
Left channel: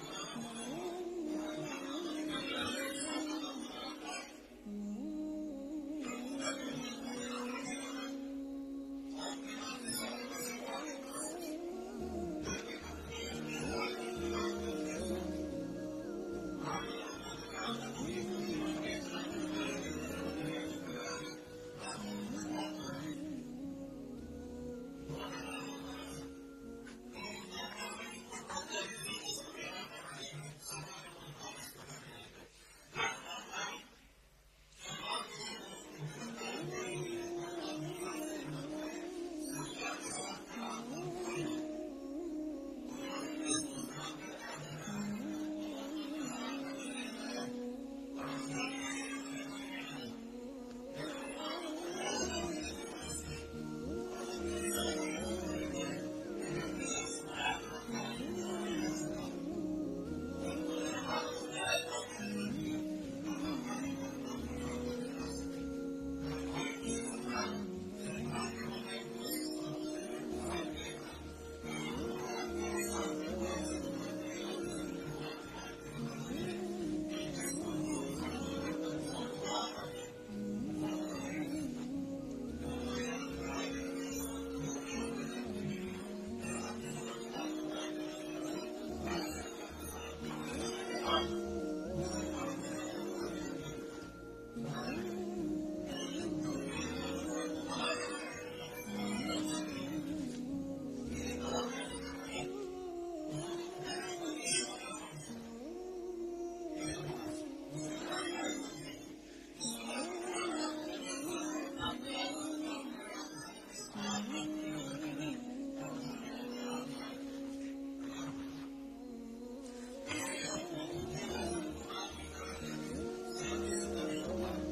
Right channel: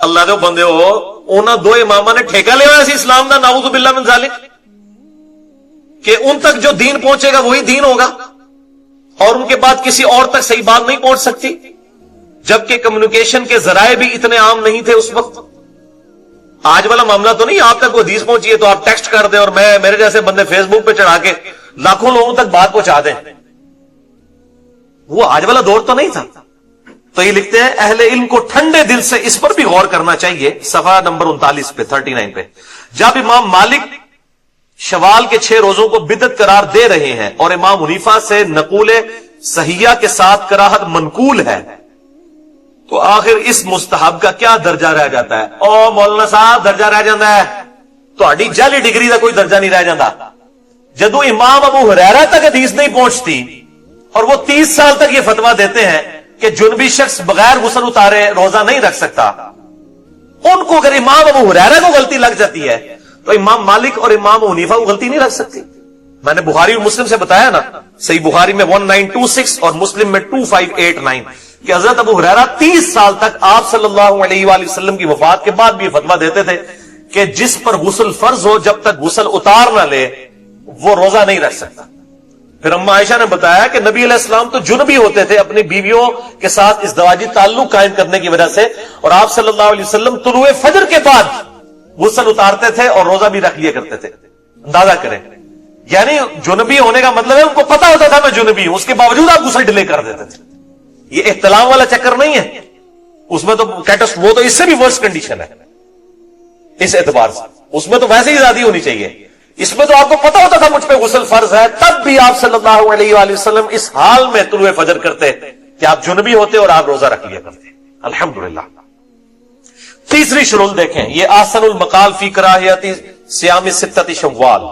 اللہ دے بندے ہو، انہاں دو امامہ نے ٹھیکہ لیا ہوا سی اسلام دا، نعوذ باللہ من ذالک، کہ ان تک جو دین پہنچے گا وہی دین ہوگا اور ان کے بعد کسی اور تک صحیح بات نہیں پہنچ سکتی، جبکہ کمیونیکیشن کے ذرائع بھی اتنے عام نہیں تھے اس وقت۔ آج والا معاملہ تو نہیں آپ تک وہ حدیث پہنچی ہے تو آپ ٹیکسٹ کر دیں اور میرے جیسے بندے فیس بک پہ چڑھا کے لاکھوں لوگوں تک بات پہنچا دیں، وہ آج والا دور تو نہیں تھا۔ تو یہ لکھتے ہیں اہل علم کو ٹھنڈے دل سے اس پر بھی غور کرنا چاہیے، صفحہ نمبر 39 پہ 39 پہ، جب امام مالک شوال کے 6 روزوں کو بدعت قرار دے رہے ہیں اور امام حنیفہ سے نقول صحیحہ کے ساتھ کراہت منقول ہے تو آخر اس مستحب کا کیا درجہ رہ جاتا ہے؟ او مولانا صاحب درجہ رہ جاتا ہے، تہاڈی جعلی ڈگری کا کوئی درجہ نہیں رہ جاتا۔ جدو امام ابو ہریرہ تک حدیث نہیں پہنچتی اور وہ 30 سال تک یہ فتویٰ دیتے ہیں کہ جنبی شخص بغیر غسل اتارے روزہ نہیں رکھ سکتا، ان کو اگر امام ابو ہریرہ کو غلطی لگ جاتی ہے تو امام مالک اور امام حنیفہ کو غلطی نہیں لگ سکتی۔ میں نے بخاری اور مسلم سے بتایا نا، صحیح بخاری میں 1926 اور مسلم میں 2589 کہ حضرت ابو ہریرہ 30 سال تک آپ صلی اللہ علیہ وآلہ وسلم کی وفات کے بعد بھی یہ فتویٰ دیتے تھے کہ جس پر غسل فرض ہو جب تک غسل اتار نہ لے وہ روزہ نہیں رکھ سکتا. پھر اما عائشہ نے بتایا کہ نبی علیہ السلام تو جنبی ہوتے تھے اپنی بیویوں کے ساتھ ازدواجی تعلق قائم کرنے کی وجہ سے، اور آپ صلی اللہ علیہ وسلم طلوع فجر کے بعد غسل اتارتے تھے اور روزہ بھی رکھ لیا کرتے تھے. اندازہ کریں، یعنی جنبی ہونے کا مطلب ہے ان کو پتا ہوتا تھا میں جنبی ہوں، اس کے باوجود آپ غسل ڈیلے کر دیتے تھے. یہ احتلام والا چکر نہیں ہے، اس میں تو وہ تو اس سے بھی ورس کنڈیشن ہے اس اعتبار سے. اس میں تو ویسے ہی آزادی ہونی چاہیے. اس میں تو آپ کو پتا ہوتا تھا مجھ پہ غسل فرض ہے، تب بھی آپ صلی اللہ علیہ وآلہ وسلم اس حال میں طلوع فجر کرتے کہ آپ جنبی ہوتے اور آپ روزہ رکھ لیا کرتے. الحمدللہ. تیسری شرول دیکھیں، یہ آسن المقال فی کراہیت صیام ستۃ شوال.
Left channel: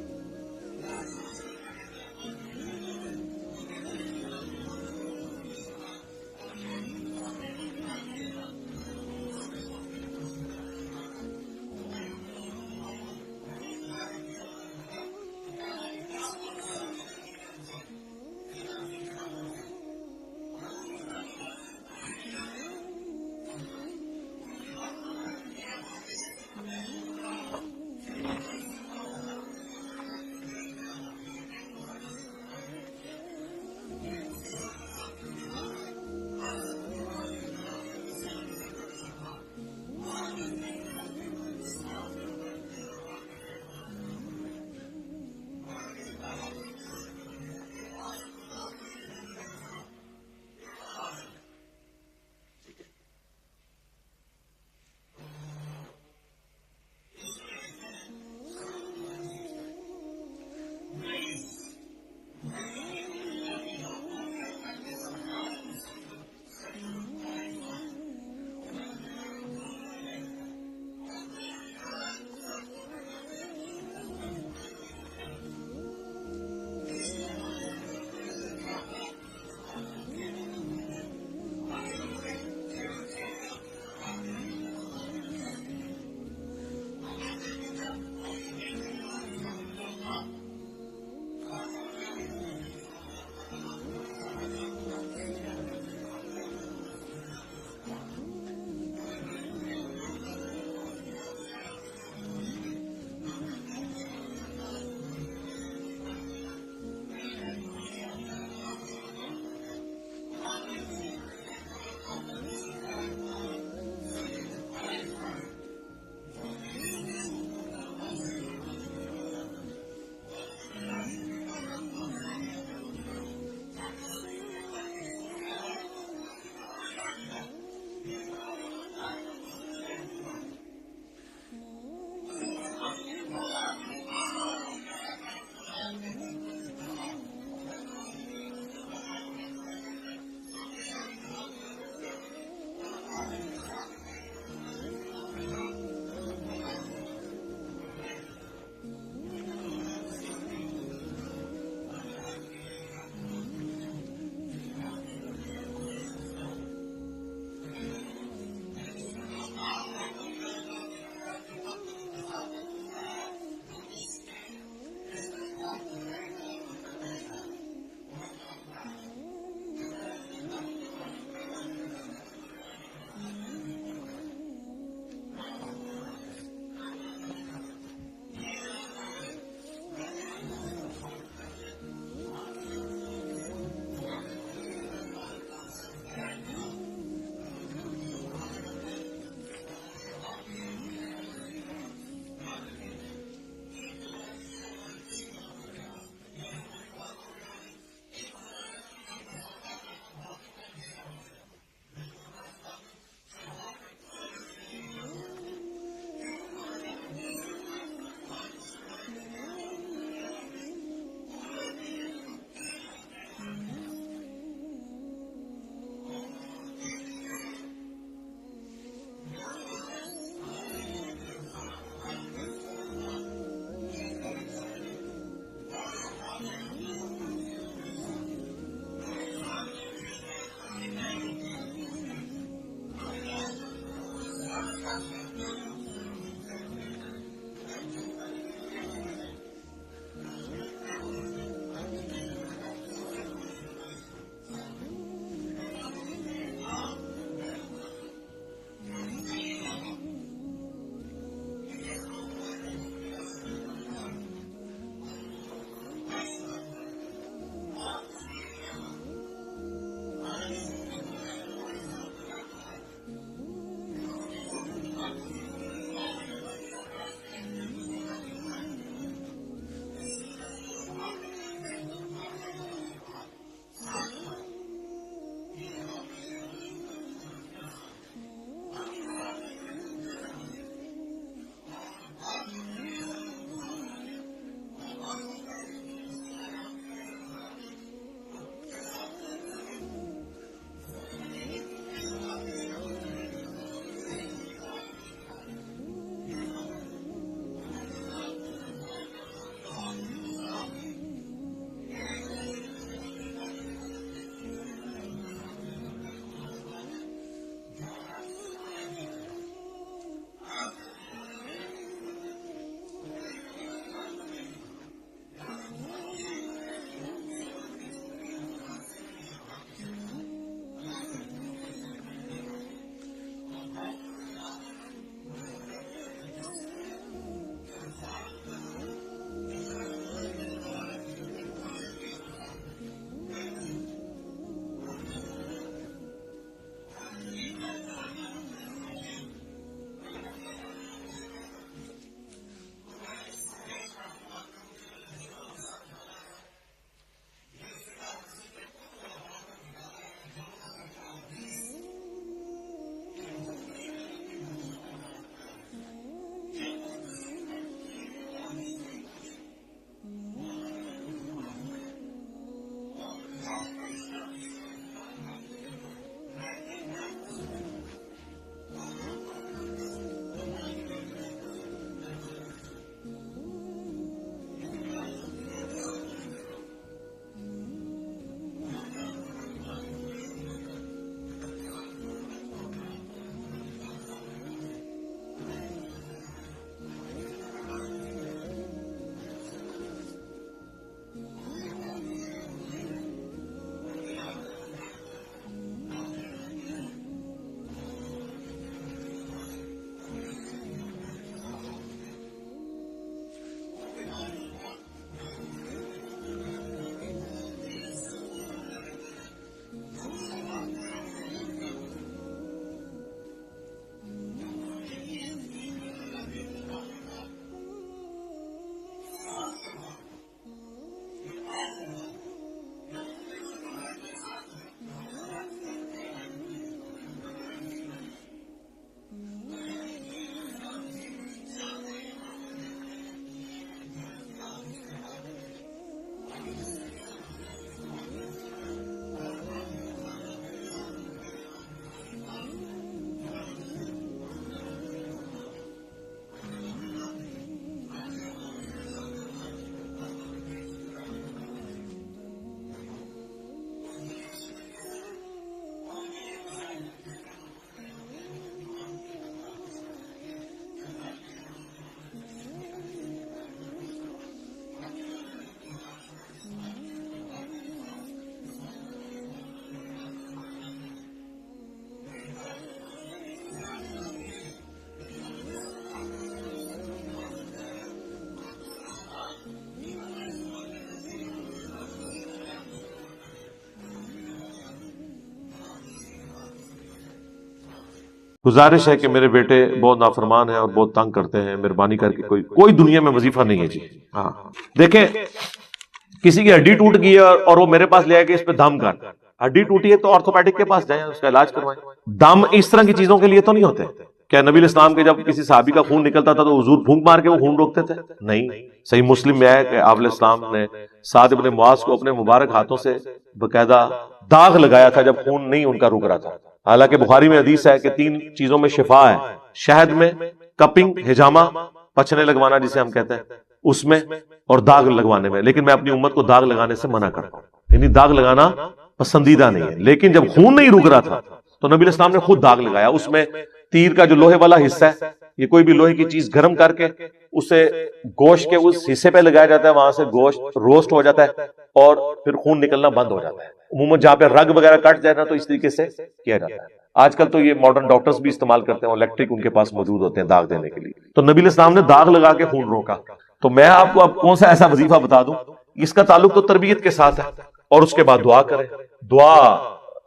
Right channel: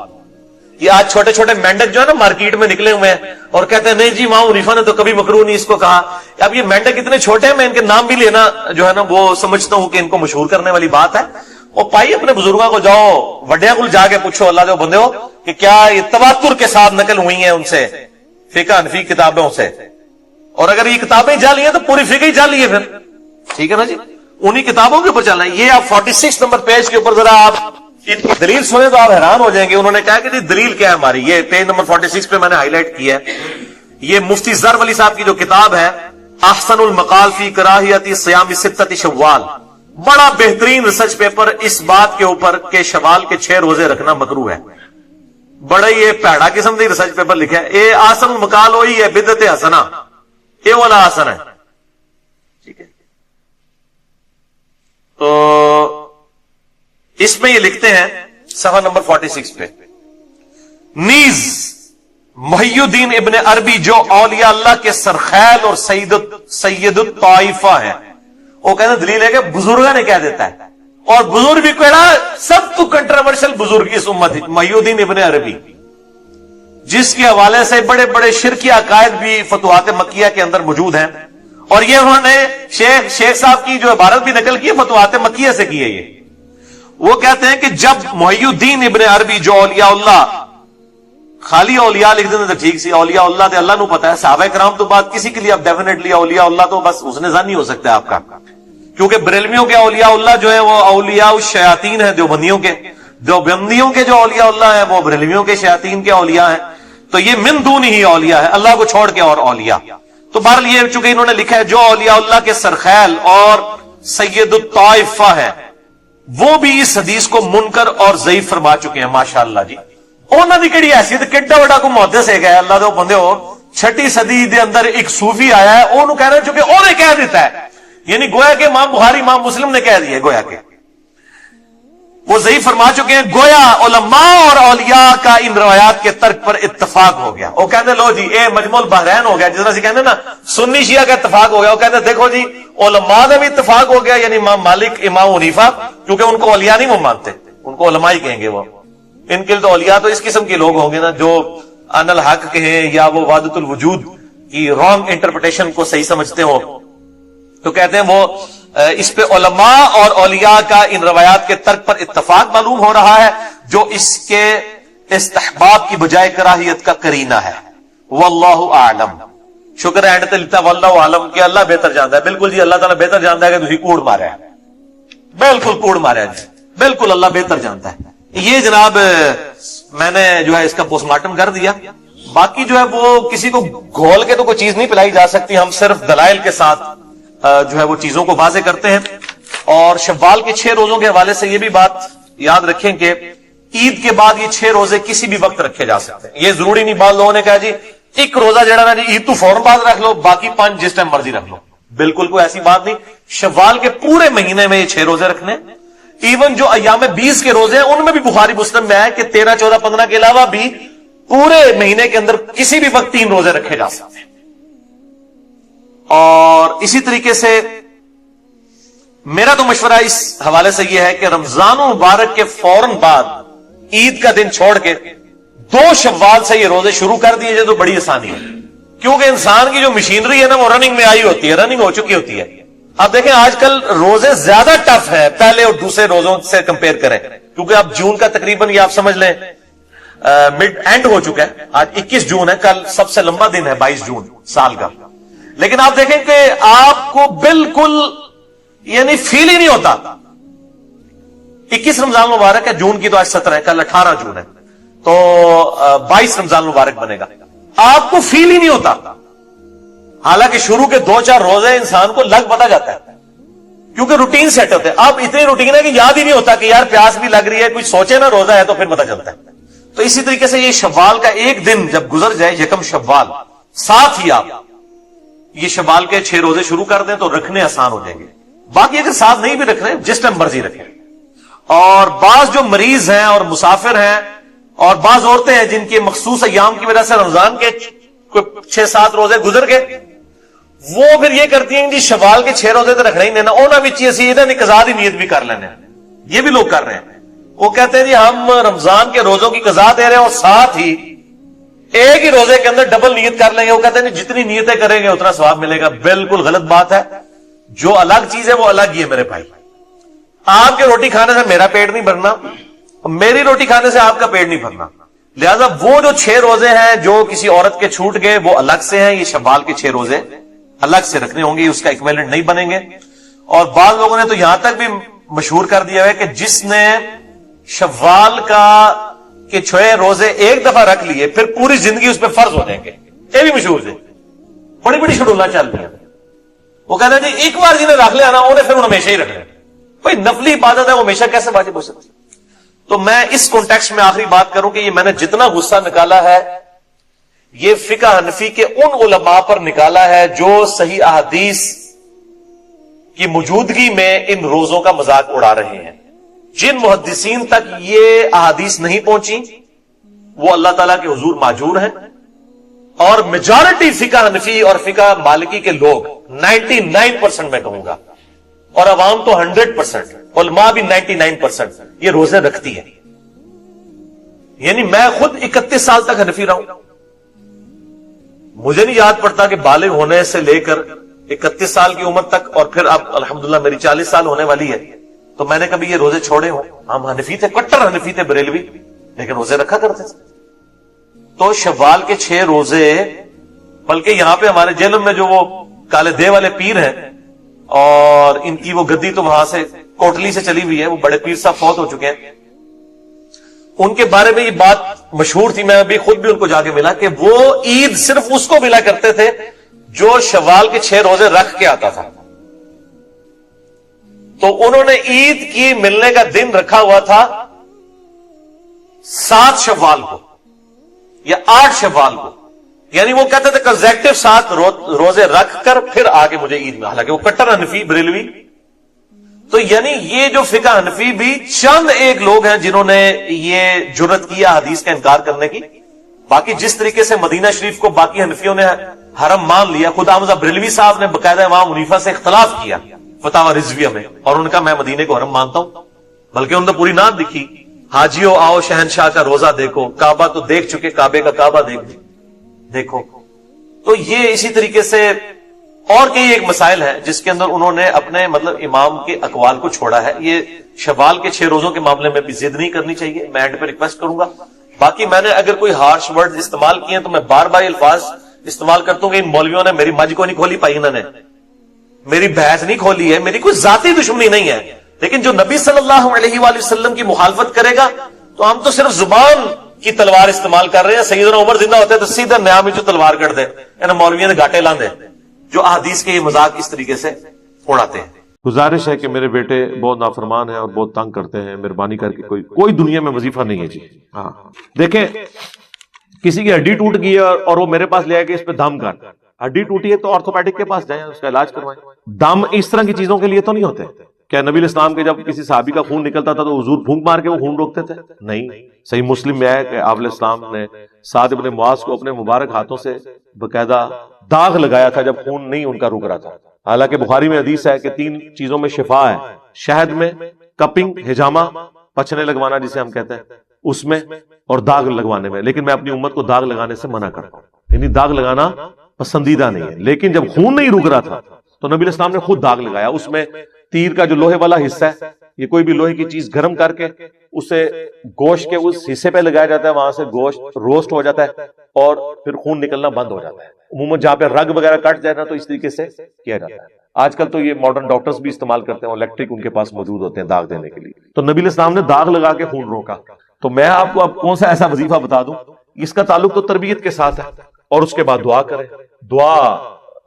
یہ آج چھوٹے چھوٹے مینڈک جو ہے نا مارکیٹ میں نکلے ہوئے ہیں اور کہتے ہیں نہیں جی امام حنیفہ نے تو کبھی مکروہ نہیں اس کو کہا. اب یہ مینڈک اتنے چھوٹے ہیں، میں ان کے نام بھی لینا جو ہے نا وہ سمجھتا ہوں کہ ان کو مشہور کرنے والی بات ہے. اور پائی اپنے بزرگوں کو جاؤ وڈیا کو جا کے پوچھو اللہ جو بندے ہو کہ کیا یہ تواتر کے ساتھ نقل ہوئی ہیں ان سے فقہ حنفی کتابوں سے، اور اگر یہ کتابیں جعلی ہیں تو پوری فقہ ہی جعلی ہے پھر. ٹھیک ہے نا جی، انہی کتابوں کے اوپر چلنا ہے. یہ آپ 46 نمبر پیج کے اوپر ذرا آپ دلیل سنیں تو آپ حیران ہو جائیں گے. انہوں نے کہا کہ جی دلیل کیا ہے ہماری، یہ پیج نمبر 46 پہ میں نے ہائی لائٹ کیا ہے. یہ مفتی زر ولی صاحب کی جو کتاب ہے احسن المقال فی کراہیت صیام ستۃ شوال، بڑا بہترین ریسرچ پیپر اس بات کے اوپر کہ شوال کے 6 روزے رکھنا مکروہ ہے. بڑا یہ پیڑا قسم کی ریسرچ پیپر لکھا ہے. یہ آسن المقال وہی ہے بدعت حسنہ، یہ والا آسن ہے. ٹھیک ہے، تو اس میں یہ لکھتے ہیں صفحہ نمبر 46 پہ، نیز محی الدین ابن عربی جو اولیاء اللہ کے سرخیل اور سید الطائفہ ہیں، وہ کہتے ہیں دلیل ہے کہ بزرگوں نے کہہ دیتا ہے، اور بزرگ بھی کہنا سب تو کنٹروورشل بزرگ اس امت ہے محی الدین ابن عربی، جس کے حوالے سے بڑے بڑے شرکی عقائد بھی فتوحات مکیہ کے اندر موجود ہیں. اور یہ انہوں نے شیخ صاحب کی جو عبارت بھی نقل کی ہے فتوحات مکیہ سے کی ہے. یہ وہ کہتے ہیں کہ جب محی الدین ابن عربی جو اولیاء اللہ، خالی اولیاء لکھ دیتے تو ٹھیک سی، اولیاء اللہ تو اللہ نو پتا ہے، صحابہ کرام تو بات کسی کے لیے اب ڈیفینیٹلی اولیاء اللہ تو بس حسن ظن ہو سکتا ہے آپ کا، کیونکہ بریلویوں کے اولیاء اللہ جو ہے وہ اولیاء الشیاطین ہیں، دیوبندیوں کے جو اولیاء اللہ ہیں وہ بریلویوں کے شیاطین کے اولیاء ہیں. تو یہ من دون ہی اولیاء ہے، اللہ کو چھوڑ کے اور اولیاء. تو بہرحال یہ چونکہ انہوں نے لکھا ہے جو اولیاء اللہ کے سرخیل اور سید الطائفہ ہے وہ بھی اس حدیث کو منکر اور ضعیف فرما چکے ہیں. ماشاءاللہ جی، انہوں نے کہڑی حیثیت کیڈا بڑا کو محدث ہے گیا اللہ دے بندے ہو. 6 صدی دے اندر ایک صوفی آیا ہے، انہوں کہہ رہے ہیں چونکہ انہوں نے کہہ دیتا ہے، یعنی گویا کہ امام بخاری امام مسلم نے کہہ دیا ہے، گویا کہ وہ ضعیف فرما چکے ہیں. گویا علماء اور اولیاء کا ان روایات کے ترک پر اتفاق ہو گیا. وہ کہتے لو جی اے مجمع البحرین ہو گیا، جس طرح سے کہتے ہیں نا سنی شیعہ کا اتفاق ہو گیا. وہ کہتے ہیں دیکھو جی علماء کا بھی اتفاق ہو گیا، یعنی امام مالک امام حنیفہ، کیونکہ ان کو اولیاء نہیں وہ مانتے، ان کو علماء ہی کہیں گے. وہ ان کے لیے تو اولیاء تو اس قسم کے لوگ ہوں گے نا جو ان الحق کہیں یا وہ وحدت الوجود کی رانگ انٹرپریٹیشن کو صحیح سمجھتے ہو. تو کہتے ہیں وہ اس پہ علماء اور اولیاء کا ان روایات کے ترک پر اتفاق معلوم ہو رہا ہے، جو اس کے استحباب کی بجائے کراہیت کا قرینہ ہے. واللہ اعلم. شکر ہے اینڈ واللہ اعلم کہ اللہ بہتر جانتا ہے. بالکل جی اللہ تعالیٰ بہتر جانتا ہے کہ تسی کوڑ مارے ہیں، بالکل کوڑ مارے ہیں جی، بالکل اللہ بہتر جانتا ہے. یہ جناب میں نے جو ہے اس کا پوسٹ مارٹم کر دیا. باقی جو ہے وہ کسی کو گھول کے تو کوئی چیز نہیں پلائی جا سکتی، ہم صرف دلائل کے ساتھ جو ہے وہ چیزوں کو واضح کرتے ہیں. اور شوال کے 6 روزوں کے حوالے سے یہ بھی بات یاد رکھیں کہ عید کے بعد یہ 6 روزے کسی بھی وقت رکھے جا سکتے ہیں. یہ ضروری نہیں، بعض لوگوں نے کہا جی ایک روزہ جڑا نا جی عید تو فوراً بعد رکھ لو، باقی 5 جس ٹائم مرضی رکھ لو. بالکل کوئی ایسی بات نہیں. شوال کے پورے مہینے میں یہ 6 روزے رکھنے. ایون جو ایام 20 کے روزے ہیں ان میں بھی بخاری مسلم میں ہے کہ 13 14 15 کے علاوہ بھی پورے مہینے کے اندر کسی بھی وقت 3 روزے رکھے جا سکتے ہیں. اور اسی طریقے سے میرا تو مشورہ اس حوالے سے یہ ہے کہ رمضان مبارک کے فوراً بعد عید کا دن چھوڑ کے 2 شوال سے یہ روزے شروع کر دیے جائے تو بڑی آسانی ہے، کیونکہ انسان کی جو مشینری ہے نا وہ رننگ میں آئی ہوتی ہے، رننگ ہو چکی ہوتی ہے. آپ دیکھیں آج کل روزے زیادہ ٹف ہے پہلے اور دوسرے روزوں سے کمپیئر کریں، کیونکہ اب جون کا تقریباً یہ آپ سمجھ لیں مڈ اینڈ ہو چکا ہے. آج 21 جون ہے، کل سب سے لمبا دن ہے 22 جون سال کا. لیکن آپ دیکھیں کہ آپ کو بالکل یعنی فیل ہی نہیں ہوتا 21 رمضان مبارک ہے، جون کی تو آج 17 ہے، کل 18 جون ہے، تو 22 رمضان مبارک بنے گا. آپ کو فیل ہی نہیں ہوتا، حالانکہ شروع کے 2-4 روزے انسان کو لگ پتا جاتا ہے کیونکہ روٹین سیٹ ہوتے ہیں. اب اتنی روٹین ہے کہ یاد ہی نہیں ہوتا کہ یار پیاس بھی لگ رہی ہے، کچھ سوچے نا روزہ ہے تو پھر پتا چلتا ہے. تو اسی طریقے سے یہ شوال کا ایک دن جب گزر جائے، یکم شوال، ساتھ ہی آپ یہ شوال کے 6 روزے شروع کر دیں تو رکھنے آسان ہو جائیں گے. باقی اگر ساتھ نہیں بھی رکھ رہے جس ٹائم مرضی رکھیں. اور بعض جو مریض ہیں اور مسافر ہیں اور بعض عورتیں ہیں جن کے مخصوص ایام کی وجہ سے رمضان کے 6-7 روزے گزر گئے، وہ پھر یہ کرتی ہیں جی شوال کے 6 روزے تو رکھنا ہی نہیں، انہوں بھی چیز قضا دی نیت بھی کر لینے. یہ بھی لوگ کر رہے ہیں، وہ کہتے ہیں جی ہم رمضان کے روزوں کی قضا دے رہے ہیں اور ساتھ ہی ایک ہی روزے کے اندر ڈبل نیت کر لیں گے. وہ کہتے ہیں جتنی نیتیں کریں گے اتنا ثواب ملے گا. بالکل غلط بات ہے. جو الگ چیز ہے وہ الگ ہی ہے میرے بھائی. آپ کے روٹی کھانے سے میرا پیٹ نہیں بھرنا، میری روٹی کھانے سے آپ کا پیٹ نہیں بھرنا. لہذا وہ جو 6 روزے ہیں جو کسی عورت کے چھوٹ گئے وہ الگ سے ہیں. یہ شوال کے 6 روزے الگ سے رکھنے ہوں گے، اس کا ایکویلنٹ نہیں بنیں گے. اور بعض لوگوں نے تو یہاں تک بھی مشہور کر دیا ہے کہ جس نے شوال کے 6 روزے ایک دفعہ رکھ لیے پھر پوری زندگی اس پہ فرض ہو جائیں گے. یہ بھی مشہور ہے، بڑی بڑی شڈولیں چل رہی ہیں. وہ کہتے ہیں جی ایک بار جنہیں رکھ لیا نا انہیں پھر ہمیشہ ہی رکھ لیں. بھائی نفلی عبادت ہے، وہ ہمیشہ کیسے واجب ہو سکتی؟ تو میں اس کانٹیکسٹ میں آخری بات کروں کہ یہ میں نے جتنا غصہ نکالا ہے یہ فقہ حنفی کے ان علماء پر نکالا ہے جو صحیح احادیث کی موجودگی میں ان روزوں کا مذاق اڑا رہے ہیں. جن محدثین تک یہ احادیث نہیں پہنچی وہ اللہ تعالیٰ کے حضور ماجور ہیں، اور میجارٹی فقہ حنفی اور فقہ مالکی کے لوگ 99% میں کہوں گا، اور عوام تو 100%، علماء بھی 99% یہ روزے رکھتی ہے. یعنی میں خود 31 سال تک حنفی رہا ہوں، مجھے نہیں یاد پڑتا کہ بالغ ہونے سے لے کر 31 سال کی عمر تک، اور پھر اب الحمدللہ میری 40 سال ہونے والی ہے، تو میں نے کبھی یہ روزے چھوڑے ہوں. ہم حنفی تھے، کٹر حنفی تھے بریلوی، لیکن روزے رکھا کرتے تھے. تو شوال کے 6 روزے، بلکہ یہاں پہ ہمارے جیلم میں جو وہ کالے دے والے پیر ہیں اور ان کی وہ گدی تو وہاں سے کوٹلی سے چلی ہوئی ہے، وہ بڑے پیر صاحب فوت ہو چکے ہیں. ان کے بارے میں یہ بات مشہور تھی، میں ابھی خود بھی ان کو جا کے ملا کہ وہ عید صرف اس کو ملا کرتے تھے جو شوال کے 6 روزے رکھ کے آتا تھا. تو انہوں نے عید کی ملنے کا دن رکھا ہوا تھا 7 شوال کو یا 8 شوال کو. یعنی وہ کہتے تھے کنزیکٹو 7 روزے رکھ کر پھر آگے مجھے عید میں، حالانکہ وہ کٹر حنفی بریلوی. تو یعنی یہ جو فقہ حنفی بھی چند ایک لوگ ہیں جنہوں نے یہ جرت کیا حدیث کا انکار کرنے کی. باقی جس طریقے سے مدینہ شریف کو باقی حنفیوں نے حرم مان لیا، خود حامزہ بریلوی صاحب نے باقاعدہ امام حنیفہ سے اختلاف کیا فتاوی رضویہ میں، اور ان کا میں مدینے کو حرم مانتا ہوں، بلکہ انہوں نے پوری نعت لکھی، حاجیو آؤ شہنشاہ کا روزہ دیکھو، کعبہ تو دیکھ چکے، کعبے کا کعبہ دیکھو. تو یہ اسی طریقے سے اور کئی ایک مسائل ہیں جس کے اندر انہوں نے اپنے مطلب امام کے اقوال کو چھوڑا ہے. یہ شوال کے 6 روزوں کے معاملے میں بھی ضد نہیں کرنی چاہیے. میں اینڈ پہ ریکویسٹ کروں گا. باقی میں نے اگر کوئی ہارش ورڈ استعمال کیے ہیں تو میں بار بار الفاظ استعمال کرتا ہوں کہ ان مولویوں نے میری مجھ کو نہیں کھولی پائی، انہوں نے میری بحث نہیں کھولی ہے، میری کوئی ذاتی دشمنی نہیں ہے. لیکن جو نبی صلی اللہ علیہ وآلہ وسلم کی مخالفت کرے گا تو ہم تو صرف زبان کی تلوار استعمال کر رہے ہیں. سیدنا عمر زندہ ہوتے تو سیدھا نیا میں جو تلوار کر دے، یعنی مولویوں نے گاٹے لاندے جو احادیث کے یہ مذاق اس طریقے سے اڑاتے ہیں. گزارش ہے کہ میرے بیٹے بہت نافرمان ہیں اور بہت تنگ کرتے ہیں، مہربانی کر کے کوئی دنیا میں وظیفہ نہیں ہے جی. ہاں دیکھیں، کسی کی ہڈی ٹوٹ گئی ہے اور وہ میرے پاس لے آئے کہ اس پہ دم کر. ہڈی ٹوٹی ہے تو آرتھوپیڈک کے پاس جائیں، اس کا علاج کروائیں. دم اس طرح کی چیزوں کے لیے تو نہیں ہوتے. کیا نبی الاسلام کے جب کسی صحابی کا خون نکلتا تھا تو حضور پھونک مار کے وہ خون روکتے تھے؟ نہیں. صحیح مسلم میں ہے کہ آپ علیہ السلام نے سعد ابن معاذ کو اپنے مبارک ہاتھوں سے باقاعدہ داغ لگایا تھا جب خون نہیں ان کا رک رہا تھا. حالانکہ بخاری میں حدیث ہے کہ 3 چیزوں میں شفا ہے، شہد میں، کپنگ ہجامہ پچھنے لگوانا جسے ہم کہتے ہیں اس میں، اور داغ لگوانے میں. لیکن میں اپنی امت کو داغ لگانے سے منع کرتا ہوں، یعنی داغ لگانا پسندیدہ نہیں ہے. لیکن جب خون نہیں رک رہا تھا تو نبی الاسلام نے خود داغ لگایا. اس میں تیر کا جو لوہے والا حصہ ہے یہ کوئی بھی لوہے کی چیز گرم کر کے اسے گوشت کے اس حصے پہ لگایا جاتا ہے، وہاں سے گوشت روسٹ ہو جاتا ہے اور پھر خون نکلنا بند ہو جاتا ہے. عموماً جہاں پہ رگ وغیرہ کٹ جائے نا تو اس طریقے سے کیا جاتا ہے. آج کل تو یہ ماڈرن ڈاکٹرز بھی استعمال کرتے ہیں، الیکٹرک ان کے پاس موجود ہوتے ہیں داغ دینے کے لیے. تو نبی علیہ السلام نے داغ لگا کے خون روکا. تو میں آپ کو اب کون سا ایسا وظیفہ بتا دوں، اس کا تعلق تو تربیت کے ساتھ ہے. اور اس کے بعد دعا کریں. دعا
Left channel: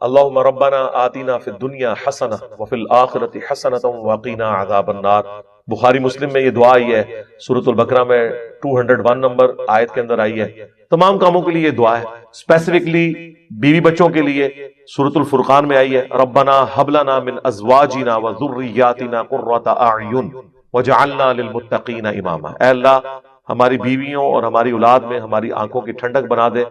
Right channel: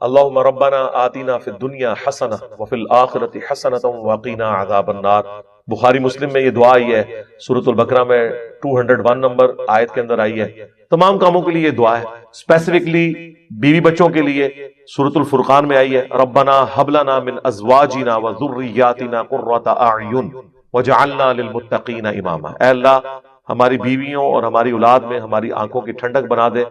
اللہم ربنا آتنا فی الدنیا حسنہ وفی الآخرۃ حسنۃ وقنا عذاب النار. بخاری مسلم میں یہ دعا آئی ہے، سورۃ البقرہ میں 201 نمبر آیت کے اندر آئی ہے. تمام کاموں کے لیے یہ دعا ہے. اسپیسیفکلی بیوی بچوں کے لیے سورۃ الفرقان میں آئی ہے، ربنا ھب لنا من ازواجنا وذریاتنا قرۃ اعین وجعلنا للمتقین اماما. اے اللہ ہماری بیویوں اور ہماری اولاد میں ہماری آنکھوں کی ٹھنڈک بنا دے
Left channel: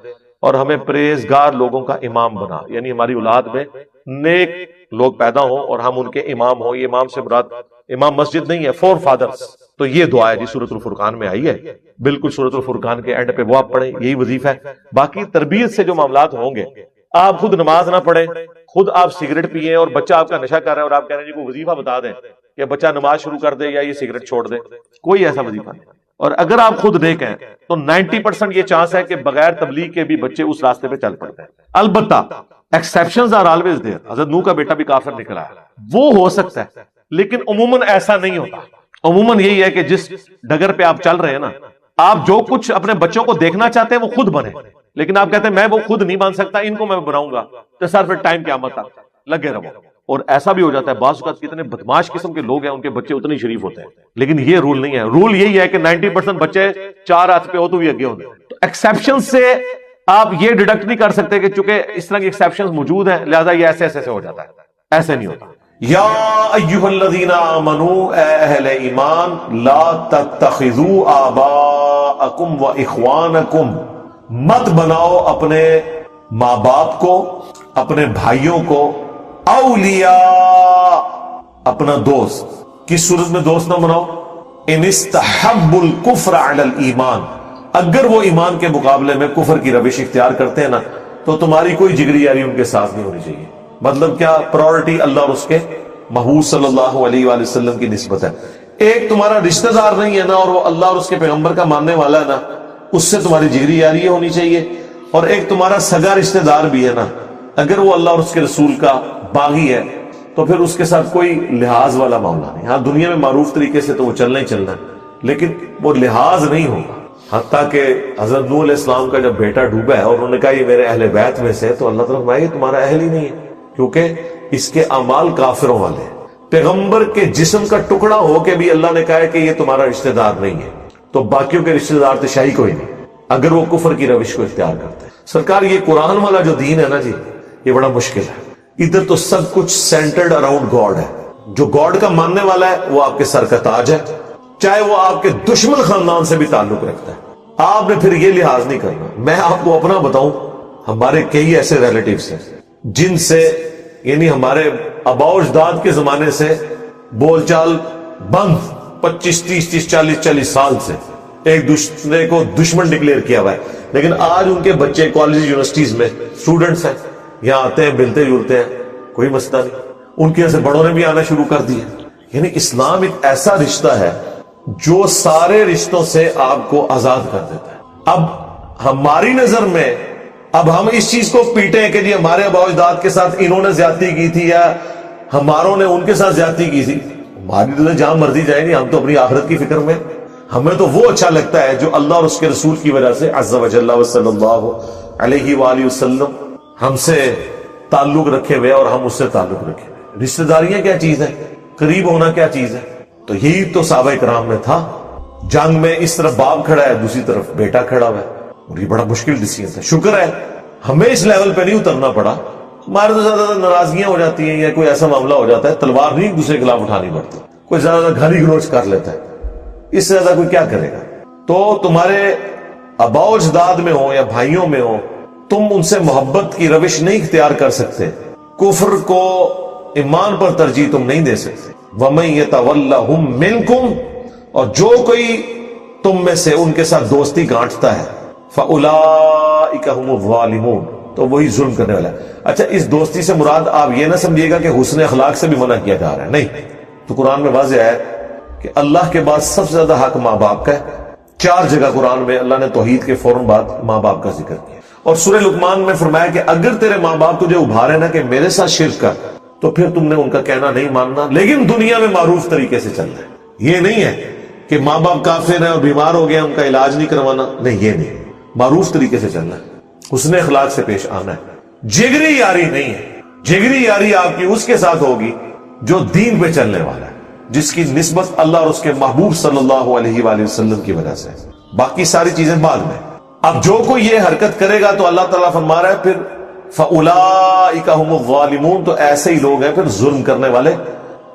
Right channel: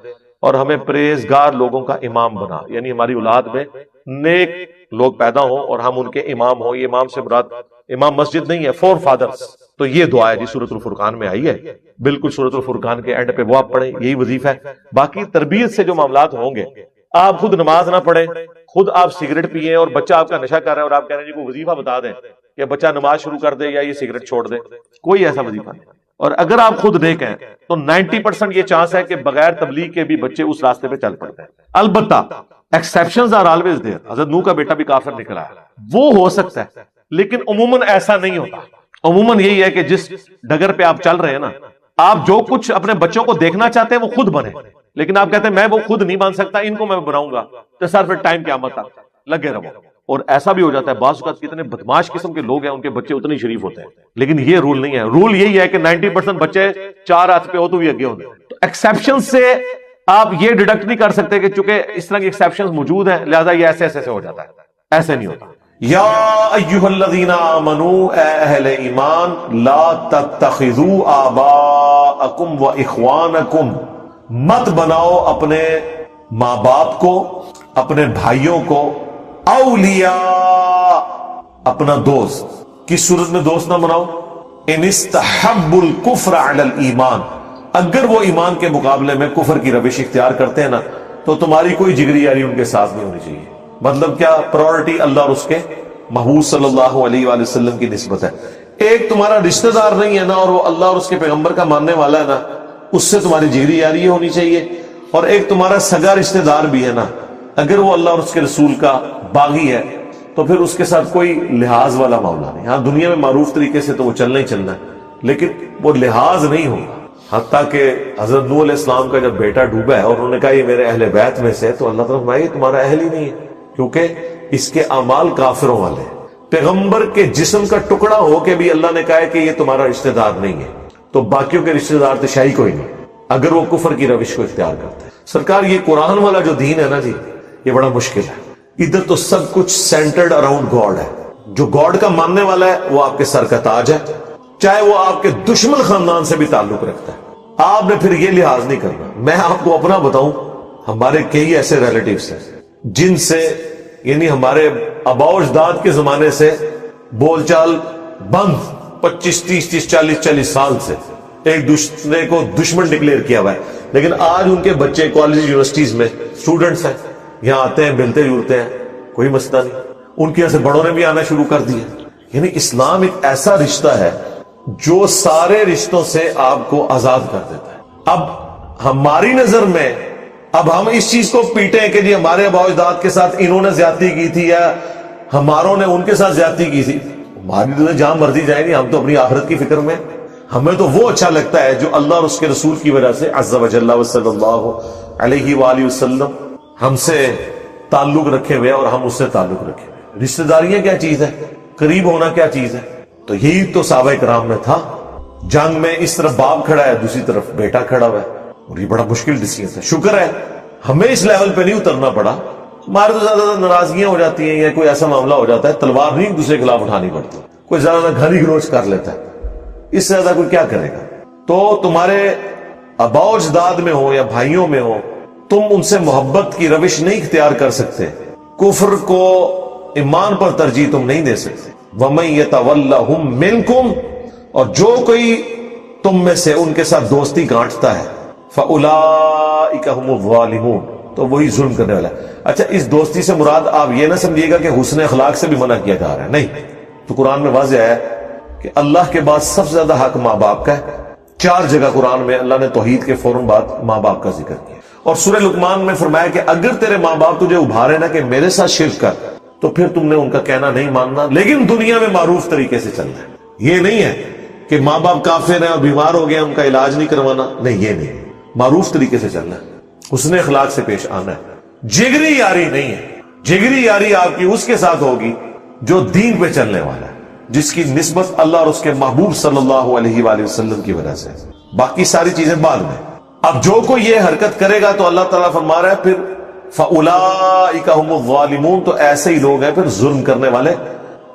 اور ہمیں پرہیزگار لوگوں کا امام بنا. یعنی ہماری اولاد میں نیک لوگ پیدا ہوں اور ہم ان کے امام ہوں. یہ امام سے مراد امام مسجد نہیں ہے، فور فادرز. تو یہ دعا ہے جی سورۃ الفرقان میں آئی ہے. بالکل سورۃ الفرقان کے اینڈ پہ وہ آپ پڑھیں، یہی وظیفہ ہے. باقی تربیت سے جو معاملات ہوں گے، آپ خود نماز نہ پڑھیں، خود آپ سگریٹ پیئیں اور بچہ آپ کا نشہ کر رہا ہے اور آپ کہہ رہے ہیں جی کوئی وظیفہ بتا دیں کہ بچہ نماز شروع کر دے یا یہ سگریٹ چھوڑ دے، کوئی ایسا وظیفہ نہیں. اور اگر آپ خود نیک ہیں تو 90% یہ چانس ہے کہ بغیر تبلیغ کے بھی بچے اس راستے پہ چل پڑتے ہیں. البتہ ایکسیپشنز آر آلویز دیئر. حضرت نوح کا بیٹا بھی کافر نکلا ہے، وہ ہو سکتا ہے، لیکن عموماً ایسا نہیں ہوتا. عموماً یہی ہے کہ جس ڈگر پہ آپ چل رہے ہیں نا، آپ جو کچھ اپنے بچوں کو دیکھنا چاہتے ہیں وہ خود بنے، لیکن آپ کہتے ہیں میں وہ خود نہیں بن سکتا، ان کو میں بناؤں گا، تو سر پھر ٹائم قیامت تک لگے رہو. اور ایسا بھی ہو جاتا ہے بعض اوقات کتنے بدماش قسم کے لوگ ہیں ان کے بچے اتنے شریف ہوتے ہیں، لیکن یہ رول نہیں ہے. رول یہی ہے کہ 90% بچے چار ہاتھ پہ ہو تو بھی آگے ہوتے ہیں. تو ایکسیپشن سے آپ یہ ڈیڈکٹ نہیں کر سکتے کہ چونکہ اس طرح کی ایکسیپشنز موجود ہیں لہذا یہ ایسے ایسے ہو جاتا ہے. ایسے نہیں ہوتا. یا ایھا الذین آمنوا، اے اہل ایمان، لا تتخذوا آباءکم و اخوانکم، مت بناؤ اپنے ماں باپ کو، اپنے بھائیوں کو، اولیاء، اپنا دوست. کس صورت میں دوست نہ بناؤ؟ ان استحبوا الکفر علی الایمان، اگر وہ ایمان کے مقابلے میں کفر کی روش اختیار کرتے ہیں نا تو تمہاری کوئی جگری یاری ان کے ساتھ نہیں ہونی چاہیے. مطلب کیا؟ پرائورٹی اللہ اور اس کے محبوب صلی اللہ علیہ وآلہ وسلم کی نسبت ہے. ایک تمہارا رشتہ دار نہیں ہے نا اور وہ اللہ اور اس کے پیغمبر کا ماننے والا ہے نا، اس سے تمہاری جگری یاری ہونی چاہیے. اور ایک تمہارا سگا رشتہ دار بھی ہے نا، اگر وہ اللہ اور اس کے رسول کا باغی ہے تو پھر اس کے ساتھ کوئی لحاظ والا معاملہ نہیں. ہاں دنیا میں معروف طریقے سے تو وہ چلنا ہی چلنا ہے، لیکن وہ لحاظ نہیں ہوگا. حتیٰ کہ حضرت نوح علیہ السلام کا جب بیٹا ڈوبا ہے اور انہوں نے کہا یہ میرے اہل بیت میں سے، تو اللہ تعالیٰ یہ تمہارا اہل ہی نہیں ہے، کیونکہ اس کے اعمال کافروں والے ہیں. پیغمبر کے جسم کا ٹکڑا ہو کے بھی اللہ نے کہا ہے کہ یہ تمہارا رشتہ دار نہیں ہے، تو باقیوں کے رشتہ دار تو شاہی کوئی نہیں اگر وہ کفر کی روش کو اختیار کرتے ہیں. سرکار یہ قرآن والا جو دین ہے نا جی، یہ بڑا مشکل ہے. ادھر تو سب کچھ سینٹرڈ اراؤنڈ گاڈ ہے. جو گاڈ کا ماننے والا ہے وہ آپ کے سر کا تاج ہے، چاہے وہ آپ کے دشمن خاندان سے بھی تعلق رکھتا ہے. آپ نے پھر یہ لحاظ نہیں کرنا. میں آپ کو اپنا بتاؤں، ہمارے کئی ایسے ریلیٹیوز ہیں جن سے یعنی ہمارے آباء و اجداد کے زمانے سے بول چال بند، 25 30 40 سال سے ایک دوسرے کو دشمن ڈکلیئر کیا ہوا ہے، لیکن آج ان کے بچے کالج یونیورسٹیز میں اسٹوڈنٹس ہیں، یہاں آتے ہیں، ملتے جلتے ہیں، کوئی مسئلہ نہیں. ان کے یہاں سے بڑوں نے بھی آنا شروع کر دیا. یعنی اسلام ایک ایسا رشتہ ہے جو سارے رشتوں سے آپ کو آزاد کر دیتا ہے. اب ہماری نظر میں اب ہم اس چیز کو پیٹیں کہ جی ہمارے آباء و اجداد کے ساتھ انہوں نے زیادتی کی تھی یا ہماروں نے ان کے ساتھ زیادتی کی تھی. ہماری تو جہاں مرضی جائیں گی، ہم تو اپنی آخرت کی فکر میں. ہمیں تو وہ اچھا لگتا ہے جو اللہ اور اس کے رسول کی وجہ سے عز و جل و صلی اللہ علیہ وآلہ وسلم ہم سے تعلق رکھے ہوئے اور ہم اس سے تعلق رکھے ہوئے. رشتہ داریاں کیا چیز ہے؟ قریب ہونا کیا چیز ہے؟ تو یہی تو صحابہ کرام میں تھا. جنگ میں اس طرف باپ کھڑا ہے، دوسری طرف بیٹا کھڑا ہوا ہے، اور یہ بڑا مشکل ڈیسیجن تھا. شکر ہے ہمیں اس لیول پہ نہیں اترنا پڑا. ہمارے تو زیادہ ناراضگیاں ہو جاتی ہیں یا کوئی ایسا معاملہ ہو جاتا ہے، تلوار نہیں ایک دوسرے کے خلاف اٹھانی پڑتی، کوئی زیادہ گالی گلوچ کر لیتا ہے، اس سے زیادہ کوئی کیا کرے گا. تو تمہارے آباء و اجداد میں ہو یا بھائیوں میں ہو، تم ان سے محبت کی روش نہیں اختیار کر سکتے. کفر کو ایمان پر ترجیح تم نہیں دے سکتے. وَمَن يَتَوَلَّهُم مِّنكُمْ، اور جو کوئی تم میں سے ان کے ساتھ دوستی گانٹتا ہے، فَأُولَٰئِكَ هُمُ الظَّالِمُونَ، تو وہی ظلم کرنے والا ہے. اچھا، اس دوستی سے مراد آپ یہ نہ سمجھیے گا کہ حسن اخلاق سے بھی منع کیا جا رہا ہے، نہیں. تو قرآن میں واضح ہے کہ اللہ کے بعد سب سے زیادہ حق ماں باپ کا ہے. 4 جگہ قرآن میں اللہ نے توحید کے فوراً بعد ماں باپ کا ذکر کیا. اور سورہ لقمان میں فرمایا کہ اگر تیرے ماں باپ تجھے ابھارے نا کہ میرے ساتھ شرک کر تو پھر تم نے ان کا کہنا نہیں ماننا، لیکن دنیا میں معروف طریقے سے چلنا ہے. یہ نہیں ہے کہ ماں باپ کافر ہیں اور بیمار ہو گئے ان کا علاج نہیں کروانا، نہیں، یہ نہیں. معروف طریقے سے چلنا ہے، حسن اخلاق سے پیش آنا ہے. جگری یاری نہیں ہے. جگری یاری آپ کی اس کے ساتھ ہوگی جو دین پہ چلنے والا ہے، جس کی نسبت اللہ اور اس کے محبوب صلی اللہ علیہ وآلہ وسلم کی وجہ سے. باقی ساری چیزیں بعد میں. اب جو کوئی یہ حرکت کرے گا تو اللہ تعالیٰ فرما رہا ہے پھر فَأُولَٰئِكَ هُمُ الظَّالِمُونَ، تو ایسے ہی لوگ ہیں پھر ظلم کرنے والے،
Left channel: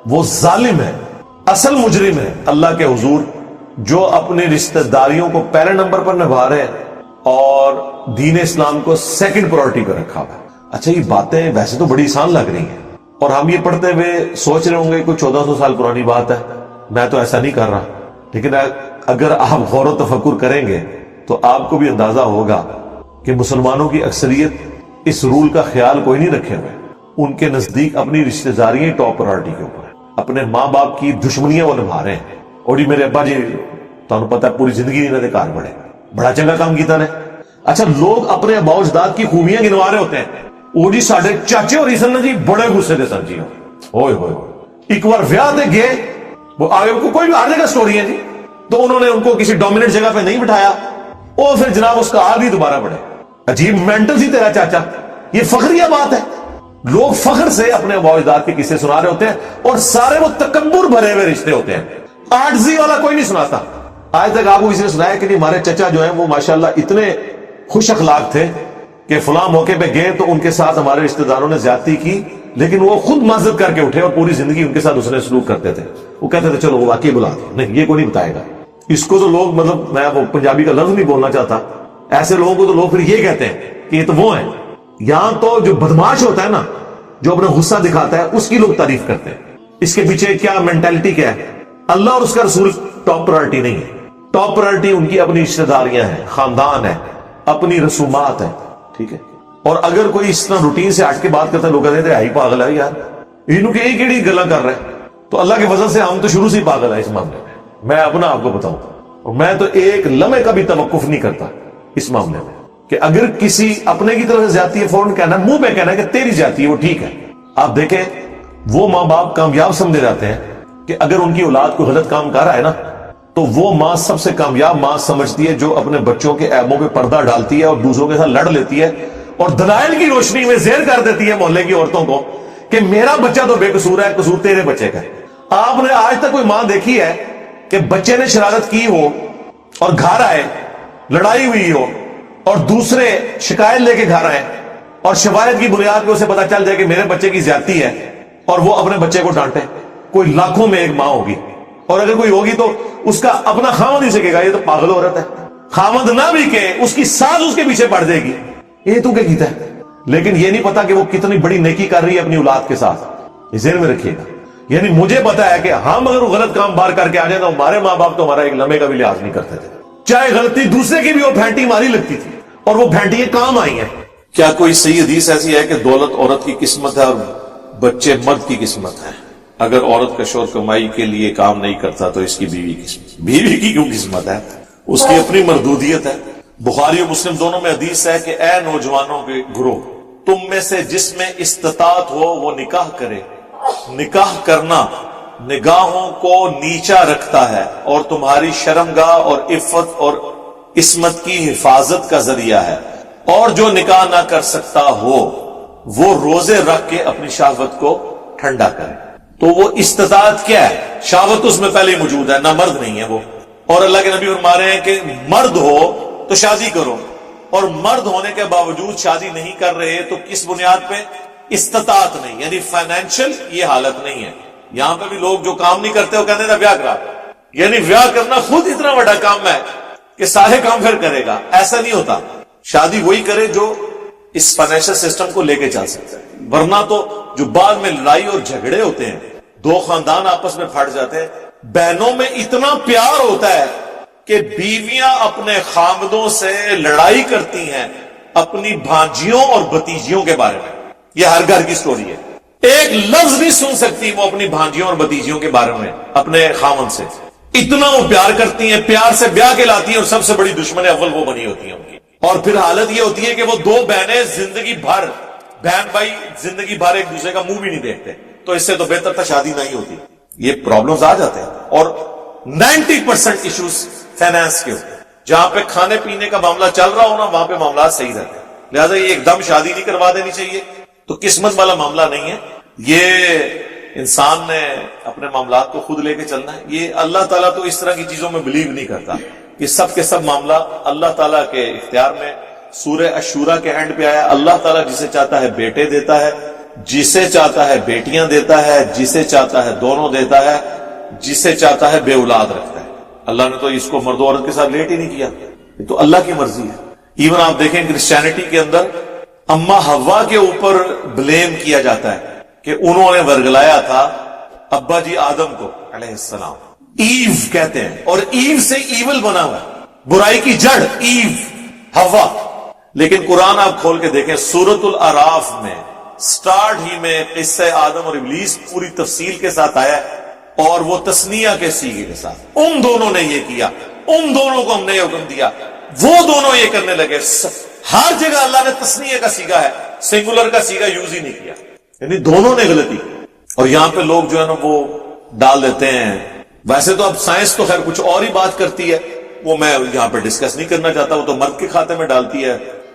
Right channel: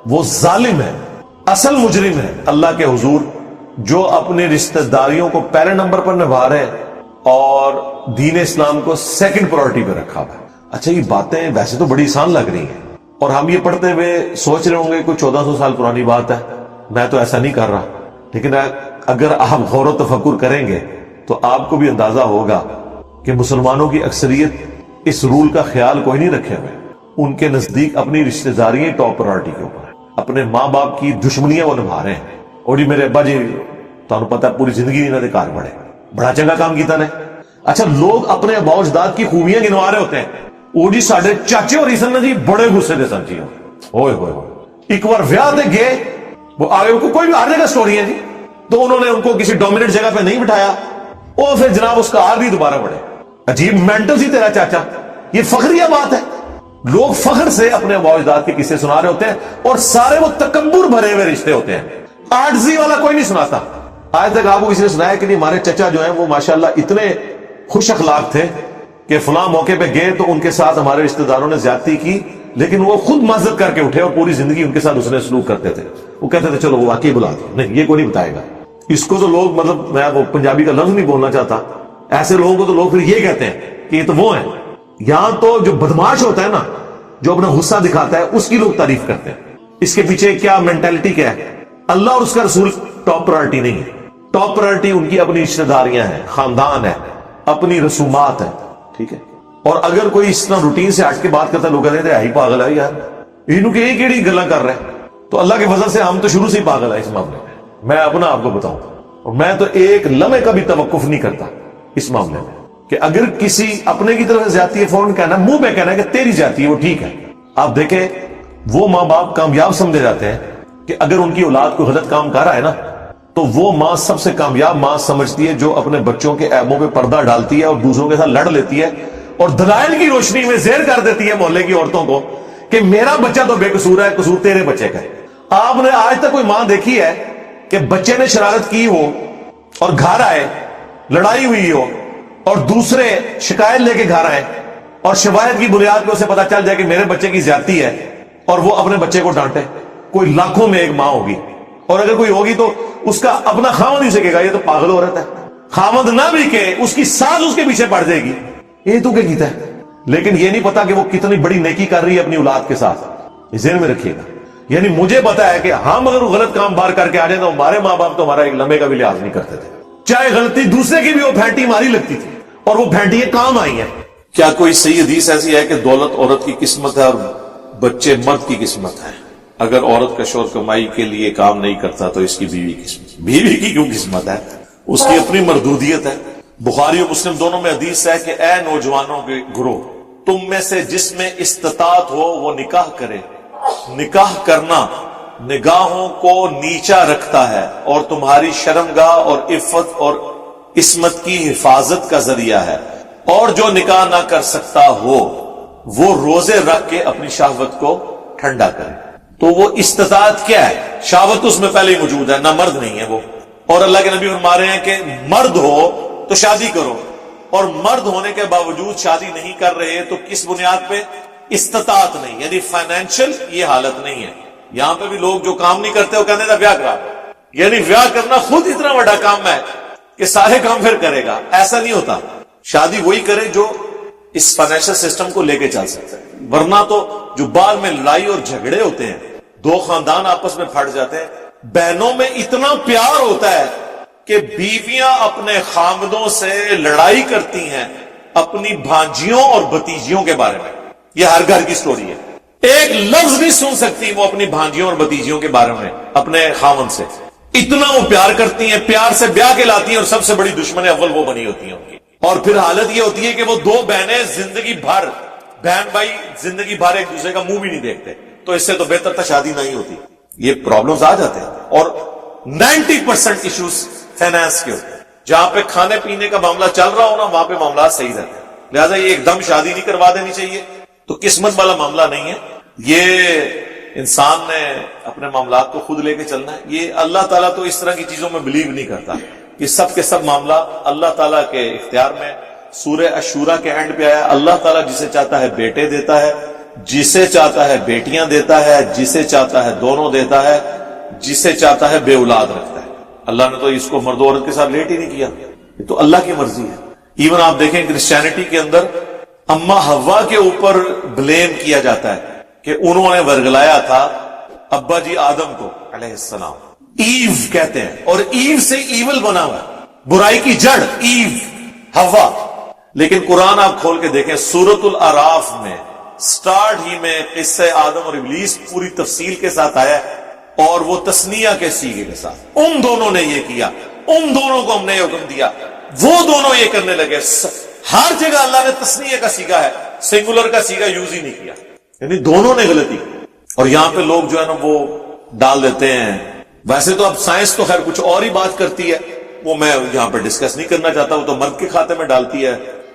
وہ ظالم ہیں، اصل مجرم ہے اللہ کے حضور، جو اپنی رشتہ داریوں کو پہلے نمبر پر نبھا رہے ہیں اور دین اسلام کو سیکنڈ پرائرٹی پہ رکھا ہوا ہے. اچھا یہ باتیں ویسے تو بڑی آسان لگ رہی ہیں اور ہم یہ پڑھتے ہوئے سوچ رہے ہوں گے کوئی 1400 سال پرانی بات ہے، میں تو ایسا نہیں کر رہا. لیکن اگر آپ غور و تفکر کریں گے تو آپ کو بھی اندازہ ہوگا کہ مسلمانوں کی اکثریت اس رول کا خیال کوئی نہیں رکھے ہوئے. ان کے نزدیک اپنی رشتہ داریاں ٹاپ پرائرٹی کے اوپر ہیں، اپنے ماں باپ کی دشمنیاں وہ نبھا رہے ہیں. اور جی میرے ابا جی تمہیں پتہ ہے پوری زندگی انہوں نے کار بڑھے، بڑا چنگا کام کیتا نے. اچھا لوگ اپنے ابا و اجداد کی خوبیاں گنوا رہے ہوتے ہیں. وہ جی ساڈے چاچے اور سن جی بڑے غصے دے سن جی، ہوئے ہوئے ایک بار ویاہ تے گئے، وہ آگے کو کوئی بھی ہر جگہ سٹوری ہے جی، تو انہوں نے ان کو کسی ڈومیننٹ جگہ پہ نہیں بٹھایا، وہ پھر جناب اس کا آر بھی دوبارہ بڑھے. عجیب مینٹل سی تیرا چاچا. یہ فخریہ بات ہے. لوگ فخر سے اپنے ابا و اجداد کے قصے سنا رہے ہوتے ہیں اور سارے وہ تکبر بھرے ہوئے رشتے ہوتے ہیں. عاجزی والا کوئی نہیں سناتا. آج تک آپ کو کسی نے سنایا کہ ہمارے چچا جو ہیں وہ ماشاءاللہ اتنے خوش اخلاق تھے کہ فلاں موقع پہ گئے تو ان کے ساتھ ہمارے رشتہ داروں نے زیادتی کی، لیکن وہ خود معذرت کر کے اٹھے اور پوری زندگی ان کے ساتھ اس نے سلوک کرتے تھے. وہ کہتے تھے چلو وہ واقعی بلا دیا. نہیں، یہ کوئی نہیں بتائے گا. اس کو تو لوگ، مطلب میں وہ پنجابی کا لفظ نہیں بولنا چاہتا، ایسے لوگوں کو تو لوگ پھر یہ کہتے ہیں کہ یہ تو وہ ہیں. یہاں تو جو بدماش ہوتا ہے نا، جو اپنا غصہ دکھاتا ہے، اس کی لوگ تعریف کرتے ہیں. اس کے پیچھے کیا مینٹالٹی کیا ہے؟ اللہ اور اس کا رسول ٹاپ پرائرٹی نہیں ہے. ٹاپ پرائرٹی ان کی اپنی رشتہ داریاں ہیں، خاندان ہے، اپنی رسومات ہیں. ٹھیک ہے. اور اگر کوئی اس طرح روٹین سے ہٹ کے بات کرتا ہے، لوگ کہتے ہیں ہی پاگل ہے یار، انہوں کے ایک ایڑی گلا کر رہے ہیں. تو اللہ کے فضل سے ہم تو شروع سے ہی پاگل ہیں اس معاملے میں. میں اپنا آپ کو بتاؤں، اور میں تو ایک لمحے کا بھی توقف نہیں کرتا اس معاملے میں کہ اگر کسی اپنے کی طرف سے زیادتی ہے فوراً کہنا، منہ پہ کہنا کہ تیری زیادتی ہے وہ ٹھیک ہے. آپ دیکھیں وہ ماں باپ کامیاب سمجھے جاتے ہیں کہ اگر ان کی اولاد کو غلط کام کر رہا ہے نا تو وہ ماں سب سے کامیاب ماں سمجھتی ہے جو اپنے بچوں کے عیبوں پہ پردہ ڈالتی ہے اور دوسروں کے ساتھ لڑ لیتی ہے اور دلائل کی روشنی میں زہر کر دیتی ہے محلے کی عورتوں کو کہ میرا بچہ تو بے قصور ہے، قصور تیرے بچے کا ہے. آپ نے آج تک کوئی ماں دیکھی ہے کہ بچے نے شرارت کی ہو اور گھر آئے، لڑائی ہوئی ہو اور دوسرے شکایت لے کے گھر آئے اور شواہد کی بنیاد پہ اسے پتا چل جائے کہ میرے بچے کی زیادتی ہے اور وہ اپنے بچے کو ڈانٹے؟ کوئی لاکھوں میں ایک ماں ہوگی، اور اگر کوئی ہوگی تو اس کا اپنا خامد ہی سے کہے گا یہ تو پاگل ہو رہتا ہے. خامد نہ بھی کہ اس کی ساز اس کے پیچھے پڑ جائے گی، یہ تو کیا کیتا ہے. لیکن یہ نہیں پتا کہ وہ کتنی بڑی نیکی کر رہی ہے اپنی اولاد کے ساتھ. یہ ذہن میں رکھیے گا. یعنی مجھے پتا ہے کہ ہم اگر وہ غلط کام بار کر کے آ جائیں تو ہمارے ماں باپ تو ہمارا ایک لمحے کا بھی لحاظ نہیں کرتے تھے، چاہے غلطی دوسرے کی بھی وہ پھینٹی ماری لگتی تھی، اور وہ پھینٹی کام آئی ہیں. کیا کوئی صحیح حدیث ایسی ہے کہ دولت عورت کی قسمت ہے اور بچے مرد کی قسمت ہے؟ اگر عورت کا شوہر کمائی کے لیے کام نہیں کرتا تو اس کی بیوی قسمت، بیوی کی کیوں قسمت ہے؟ اس کی اپنی مردودیت ہے. بخاری اور مسلم دونوں میں حدیث ہے کہ اے نوجوانوں کے گروہ، تم میں سے جس میں استطاعت ہو وہ نکاح کرے. نکاح کرنا نگاہوں کو نیچا رکھتا ہے اور تمہاری شرمگاہ اور عفت اور عصمت کی حفاظت کا ذریعہ ہے. اور جو نکاح نہ کر سکتا ہو وہ روزے رکھ کے اپنی شہوت کو ٹھنڈا کرے. تو وہ استطاعت کیا ہے؟ شہوت اس میں پہلے ہی موجود ہے، نہ مرد نہیں ہے وہ. اور اللہ کے نبی فرما رہے ہیں کہ مرد ہو تو شادی کرو، اور مرد ہونے کے باوجود شادی نہیں کر رہے تو کس بنیاد پہ؟ استطاعت نہیں، یعنی فائنینشل یہ حالت نہیں ہے. یہاں پہ بھی لوگ جو کام نہیں کرتے وہ کہتے ہیں ویاہ کرا دو، یعنی ویاہ کرنا خود اتنا بڑا کام ہے کہ سارے کام پھر کرے گا. ایسا نہیں ہوتا. شادی وہی کرے جو اس فائنینشل سسٹم کو لے کے چل سکتا ہے. ورنہ تو جو بعد میں لڑائی اور جھگڑے ہوتے ہیں، دو خاندان آپس میں پھٹ جاتے ہیں، بہنوں میں اتنا پیار ہوتا ہے کہ بیویاں اپنے خامدوں سے لڑائی کرتی ہیں اپنی بھانجیوں اور بھتیجیوں کے بارے میں. یہ ہر گھر کی سٹوری ہے. ایک لفظ نہیں سن سکتی وہ اپنی بھانجیوں اور بھتیجیوں کے بارے میں اپنے خاوند سے. اتنا وہ پیار کرتی ہیں, پیار سے بیاہ کے لاتی ہیں, اور سب سے بڑی دشمن اول وہ بنی ہوتی ہیں ان کی. اور پھر حالت یہ ہوتی ہے کہ وہ دو بہنیں زندگی بھر, بہن بھائی زندگی بھر ایک دوسرے کا منہ بھی نہیں دیکھتے. تو اس سے تو بہتر تھا شادی نہیں ہوتی. یہ پرابلمز آ جاتے ہیں. اور 90% ایشوز فائنانس کے ہوتے ہیں. جہاں پہ کھانے پینے کا معاملہ چل رہا ہو نا, وہاں پہ معاملات صحیح رہتے ہیں. لہٰذا یہ ایک دم شادی نہیں کروا دینی چاہیے. تو قسمت والا معاملہ نہیں ہے, یہ انسان نے اپنے معاملات کو خود لے کے چلنا ہے. یہ اللہ تعالیٰ تو اس طرح کی چیزوں میں بلیو نہیں کرتا. یہ سب کے سب معاملہ اللہ تعالیٰ کے اختیار میں. سورہ الشورى کے اینڈ پہ آیا, اللہ تعالیٰ جسے چاہتا ہے بیٹے دیتا ہے, جسے چاہتا ہے بیٹیاں دیتا ہے, جسے چاہتا ہے دونوں دیتا ہے, جسے چاہتا ہے بے اولاد رکھتا ہے. اللہ نے تو اس کو مرد و عورت کے ساتھ لیٹ ہی نہیں کیا. یہ تو اللہ کی مرضی ہے. ایون آپ دیکھیں کرسچینٹی کے اندر اما حوا کے اوپر بلیم کیا جاتا ہے کہ انہوں نے ورگلایا تھا ابا جی آدم کو علیہ السلام. ایو کہتے ہیں, اور ایو سے ایول بنا ہوا ہے, برائی کی جڑ ایو حوا. لیکن قرآن آپ کھول کے دیکھیں سورۃ الاعراف میں سٹارٹ ہی میں قصہ آدم اور ابلیس پوری تفصیل کے ساتھ آیا ہے, اور وہ تسنیہ کے سیغے کے ساتھ. ان دونوں نے یہ کیا, ان دونوں کو ہم نے یہ حکم دیا, وہ دونوں یہ کرنے لگے. ہر جگہ اللہ نے تسنیہ کا سیغا ہے, سنگولر کا سیغا یوز ہی نہیں کیا. یعنی دونوں نے غلطی کی. اور یہاں پہ لوگ جو ہے نا وہ ڈال دیتے ہیں. ویسے تو اب سائنس تو خیر کچھ اور ہی بات کرتی ہے, وہ میں یہاں پہ ڈسکس نہیں کرنا چاہتا. وہ تو مرد کے کھاتے میں ڈالتی ہے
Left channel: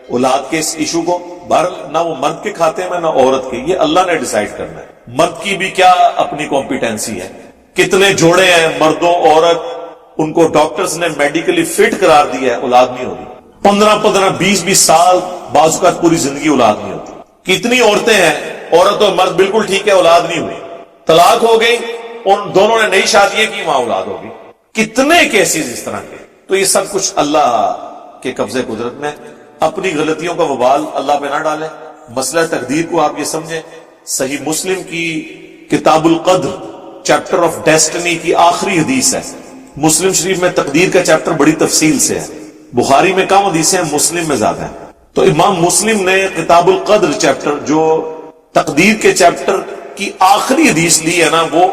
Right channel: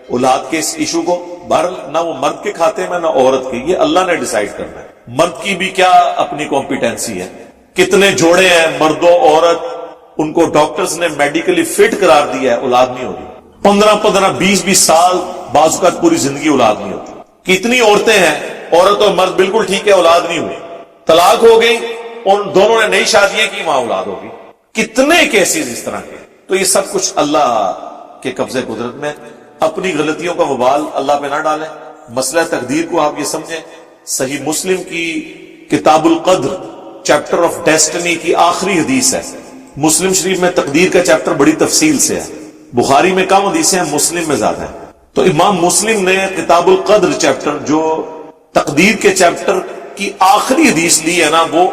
اولاد کے اس ایشو کو. بہرحال نہ وہ مرد کے کھاتے میں نہ عورت کے, یہ اللہ نے ڈیسائیڈ کرنا ہے. مرد کی بھی کیا اپنی کمپیٹنسی ہے. کتنے جوڑے ہیں مرد و عورت, ان کو ڈاکٹرز نے میڈیکلی فٹ قرار دیا ہے, اولاد نہیں ہوگی. 15 20 سال بعض اوقات پوری زندگی اولاد نہیں ہوتی. کتنی عورتیں ہیں, عورت اور مرد بالکل ٹھیک ہے, اولاد نہیں ہوئی, طلاق ہو گئی, ان دونوں نے نئی شادیاں کی, وہاں اولاد ہوگی. کتنے کیسز اس طرح کے. تو یہ سب کچھ اللہ کے قبضے قدرت میں. اپنی غلطیوں کا وبال اللہ پہ نہ ڈالیں. مسئلہ تقدیر کو آپ یہ سمجھیں. صحیح مسلم کی کتاب القدر چیپٹر آف ڈیسٹنی کی آخری حدیث ہے. مسلم شریف میں تقدیر کا چیپٹر بڑی تفصیل سے ہے. بخاری میں کم حدیثیں ہیں, مسلم میں زیادہ ہیں. تو امام مسلم نے کتاب القدر چیپٹر, جو تقدیر کے چیپٹر کی آخری حدیث لی ہے نا, وہ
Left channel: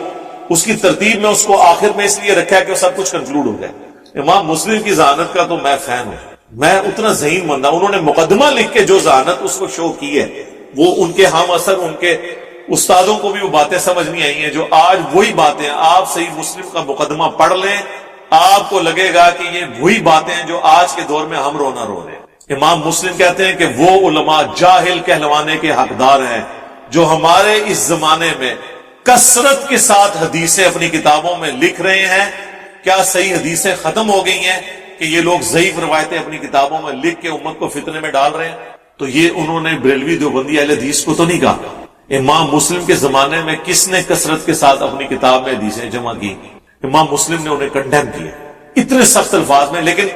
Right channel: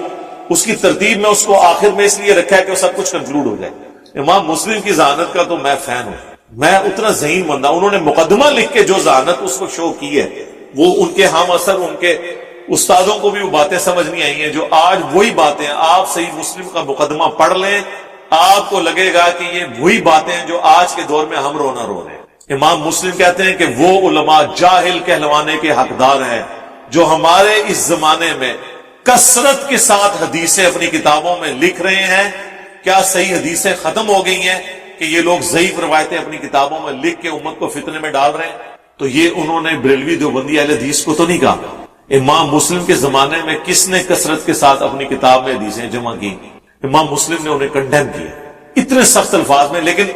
اس کی ترتیب میں اس کو آخر میں اس لیے رکھا ہے کہ وہ سب کچھ کنکلوڈ ہو جائے. امام مسلم کی ذہانت کا تو میں فین ہوں, میں اتنا ذہین بندہ. انہوں نے مقدمہ لکھ کے جو ذہانت اس کو شو کی ہے, وہ ان کے ہم اثر ان کے استادوں کو بھی وہ باتیں سمجھ نہیں آئی ہیں جو آج وہی باتیں. آپ صحیح مسلم کا مقدمہ پڑھ لیں, آپ کو لگے گا کہ یہ وہی باتیں ہیں جو آج کے دور میں ہم رونا رو رہے ہیں. امام مسلم کہتے ہیں کہ وہ علماء جاہل کہلوانے کے حقدار ہیں جو ہمارے اس زمانے میں کثرت کے ساتھ حدیثیں اپنی کتابوں میں لکھ رہے ہیں. کیا صحیح حدیثیں ختم ہو گئی ہیں کہ یہ لوگ ضعیف روایتیں اپنی کتابوں میں لکھ کے امت کو فتنے میں ڈال رہے ہیں؟ تو یہ انہوں نے بریلوی دیوبندی اہل حدیث کو تو نہیں کہا. امام مسلم کے زمانے میں کس نے کثرت کے ساتھ اپنی کتاب میں حدیثیں جمع کی؟ امام مسلم نے انہیں کنڈیم کیا اتنے سخت الفاظ میں, لیکن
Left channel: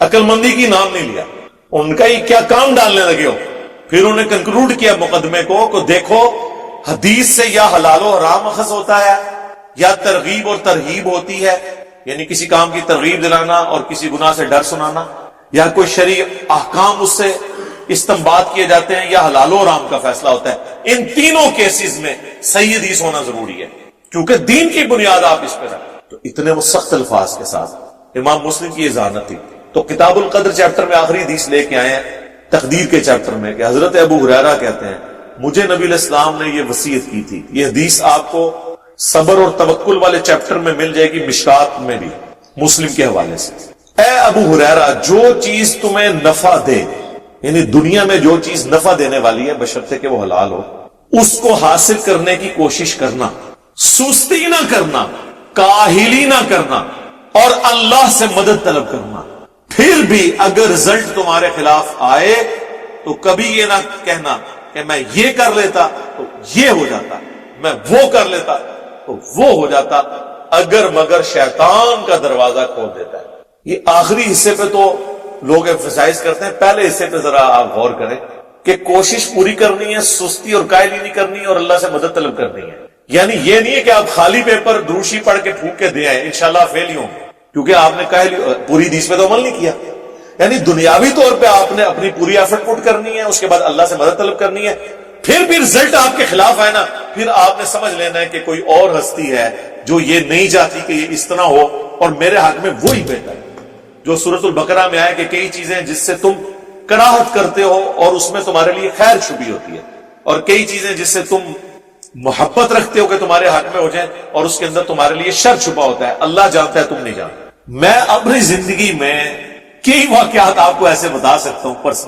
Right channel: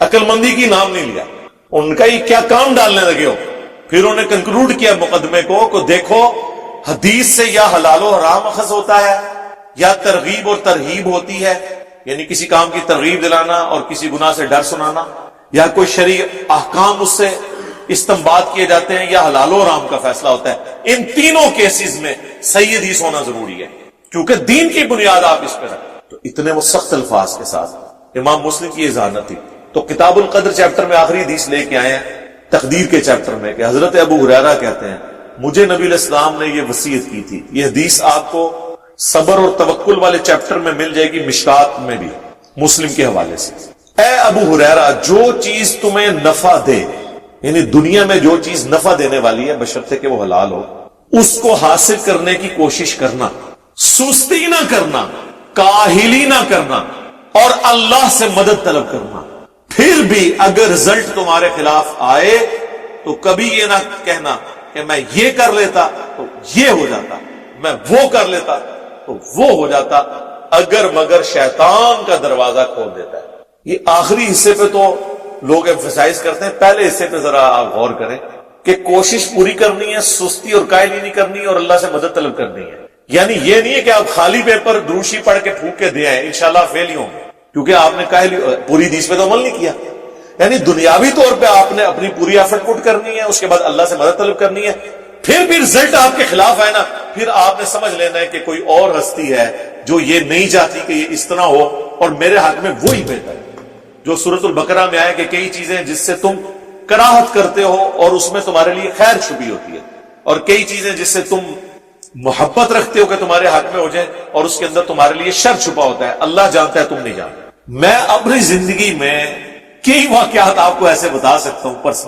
عقل مندی کی نام نہیں لیا. ان کا یہ کیا کام ڈالنے لگے ہو. پھر انہوں نے کنکلوڈ کیا مقدمے کو دیکھو حدیث سے یا حلال و حرام اخذ ہوتا ہے یا ترغیب اور ترہیب ہوتی ہے, یعنی کسی کام کی ترغیب دلانا اور کسی گناہ سے ڈر سنانا, یا کوئی شرعی احکام اس سے استنباط کیے جاتے ہیں, یا حلال و حرام کا فیصلہ ہوتا ہے. ان تینوں کیسز میں صحیح حدیث ہونا ضروری ہے کیونکہ دین کی بنیاد آپ اس پہ رکھیں. تو اتنے وہ سخت الفاظ کے ساتھ امام مسلم کی یہ ذہانت تھی. تو کتاب القدر چیپٹر میں آخری حدیث لے کے آئے ہیں تقدیر کے چیپٹر میں کہ حضرت ابو ہریرہ کہتے ہیں مجھے نبی علیہ السلام نے یہ وصیت کی تھی. یہ حدیث آپ کو صبر اور توکل والے چیپٹر میں مل جائے گی, مشکات میں بھی مسلم کے حوالے سے. اے ابو ہریرہ, جو چیز تمہیں نفع دے, یعنی دنیا میں جو چیز نفع دینے والی ہے بشرطے کہ وہ حلال ہو, اس کو حاصل کرنے کی کوشش کرنا, سستی نہ کرنا, کاہلی نہ کرنا, اور اللہ سے مدد طلب کرنا. پھر بھی اگر رزلٹ تمہارے خلاف آئے تو کبھی یہ نہ کہنا کہ میں یہ کر لیتا تو یہ ہو جاتا, میں وہ کر لیتا تو وہ ہو جاتا, اگر مگر شیطان کا دروازہ کھول دیتا ہے. یہ آخری حصے پہ تو لوگ ایمفسائز کرتے ہیں, پہلے حصے پہ ذرا آپ غور کریں کہ کوشش پوری کرنی ہے, سستی اور کاہلی نہیں کرنی, اور اللہ سے مدد طلب کرنی ہے. یعنی یہ نہیں ہے کہ آپ خالی پیپر دروشی پڑھ کے پھونک کے دے آئے انشاءاللہ فیل ہی ہوں گے کیونکہ آپ نے کاہلی پوری حدیث پہ تو عمل نہیں کیا. یعنی دنیاوی طور پہ آپ نے اپنی پوری ایفرٹ پٹ کرنی ہے, اس کے بعد اللہ سے مدد طلب کرنی ہے. پھر بھی رزلٹ آپ کے خلاف آئے نا پھر آپ نے سمجھ لینا ہے کہ کوئی اور ہستی ہے جو یہ نہیں چاہتی کہ یہ اس طرح ہو، اور میرے حق میں وہی بہتر ہے جو سورۃ البقرہ میں آئے کہ کئی چیزیں جس سے تم کراہت کرتے ہو اور اس میں تمہارے لیے خیر چھپی ہوتی ہے، اور کئی چیزیں جس سے تم محبت رکھتے ہو کہ تمہارے حق میں ہو جائیں اور اس کے اندر تمہارے لیے شر چھپا ہوتا ہے. اللہ جانتا ہے، تم نہیں جانتے. میں اپنی زندگی میں کئی واقعات آپ کو ایسے بتا سکتا ہوں پرسنل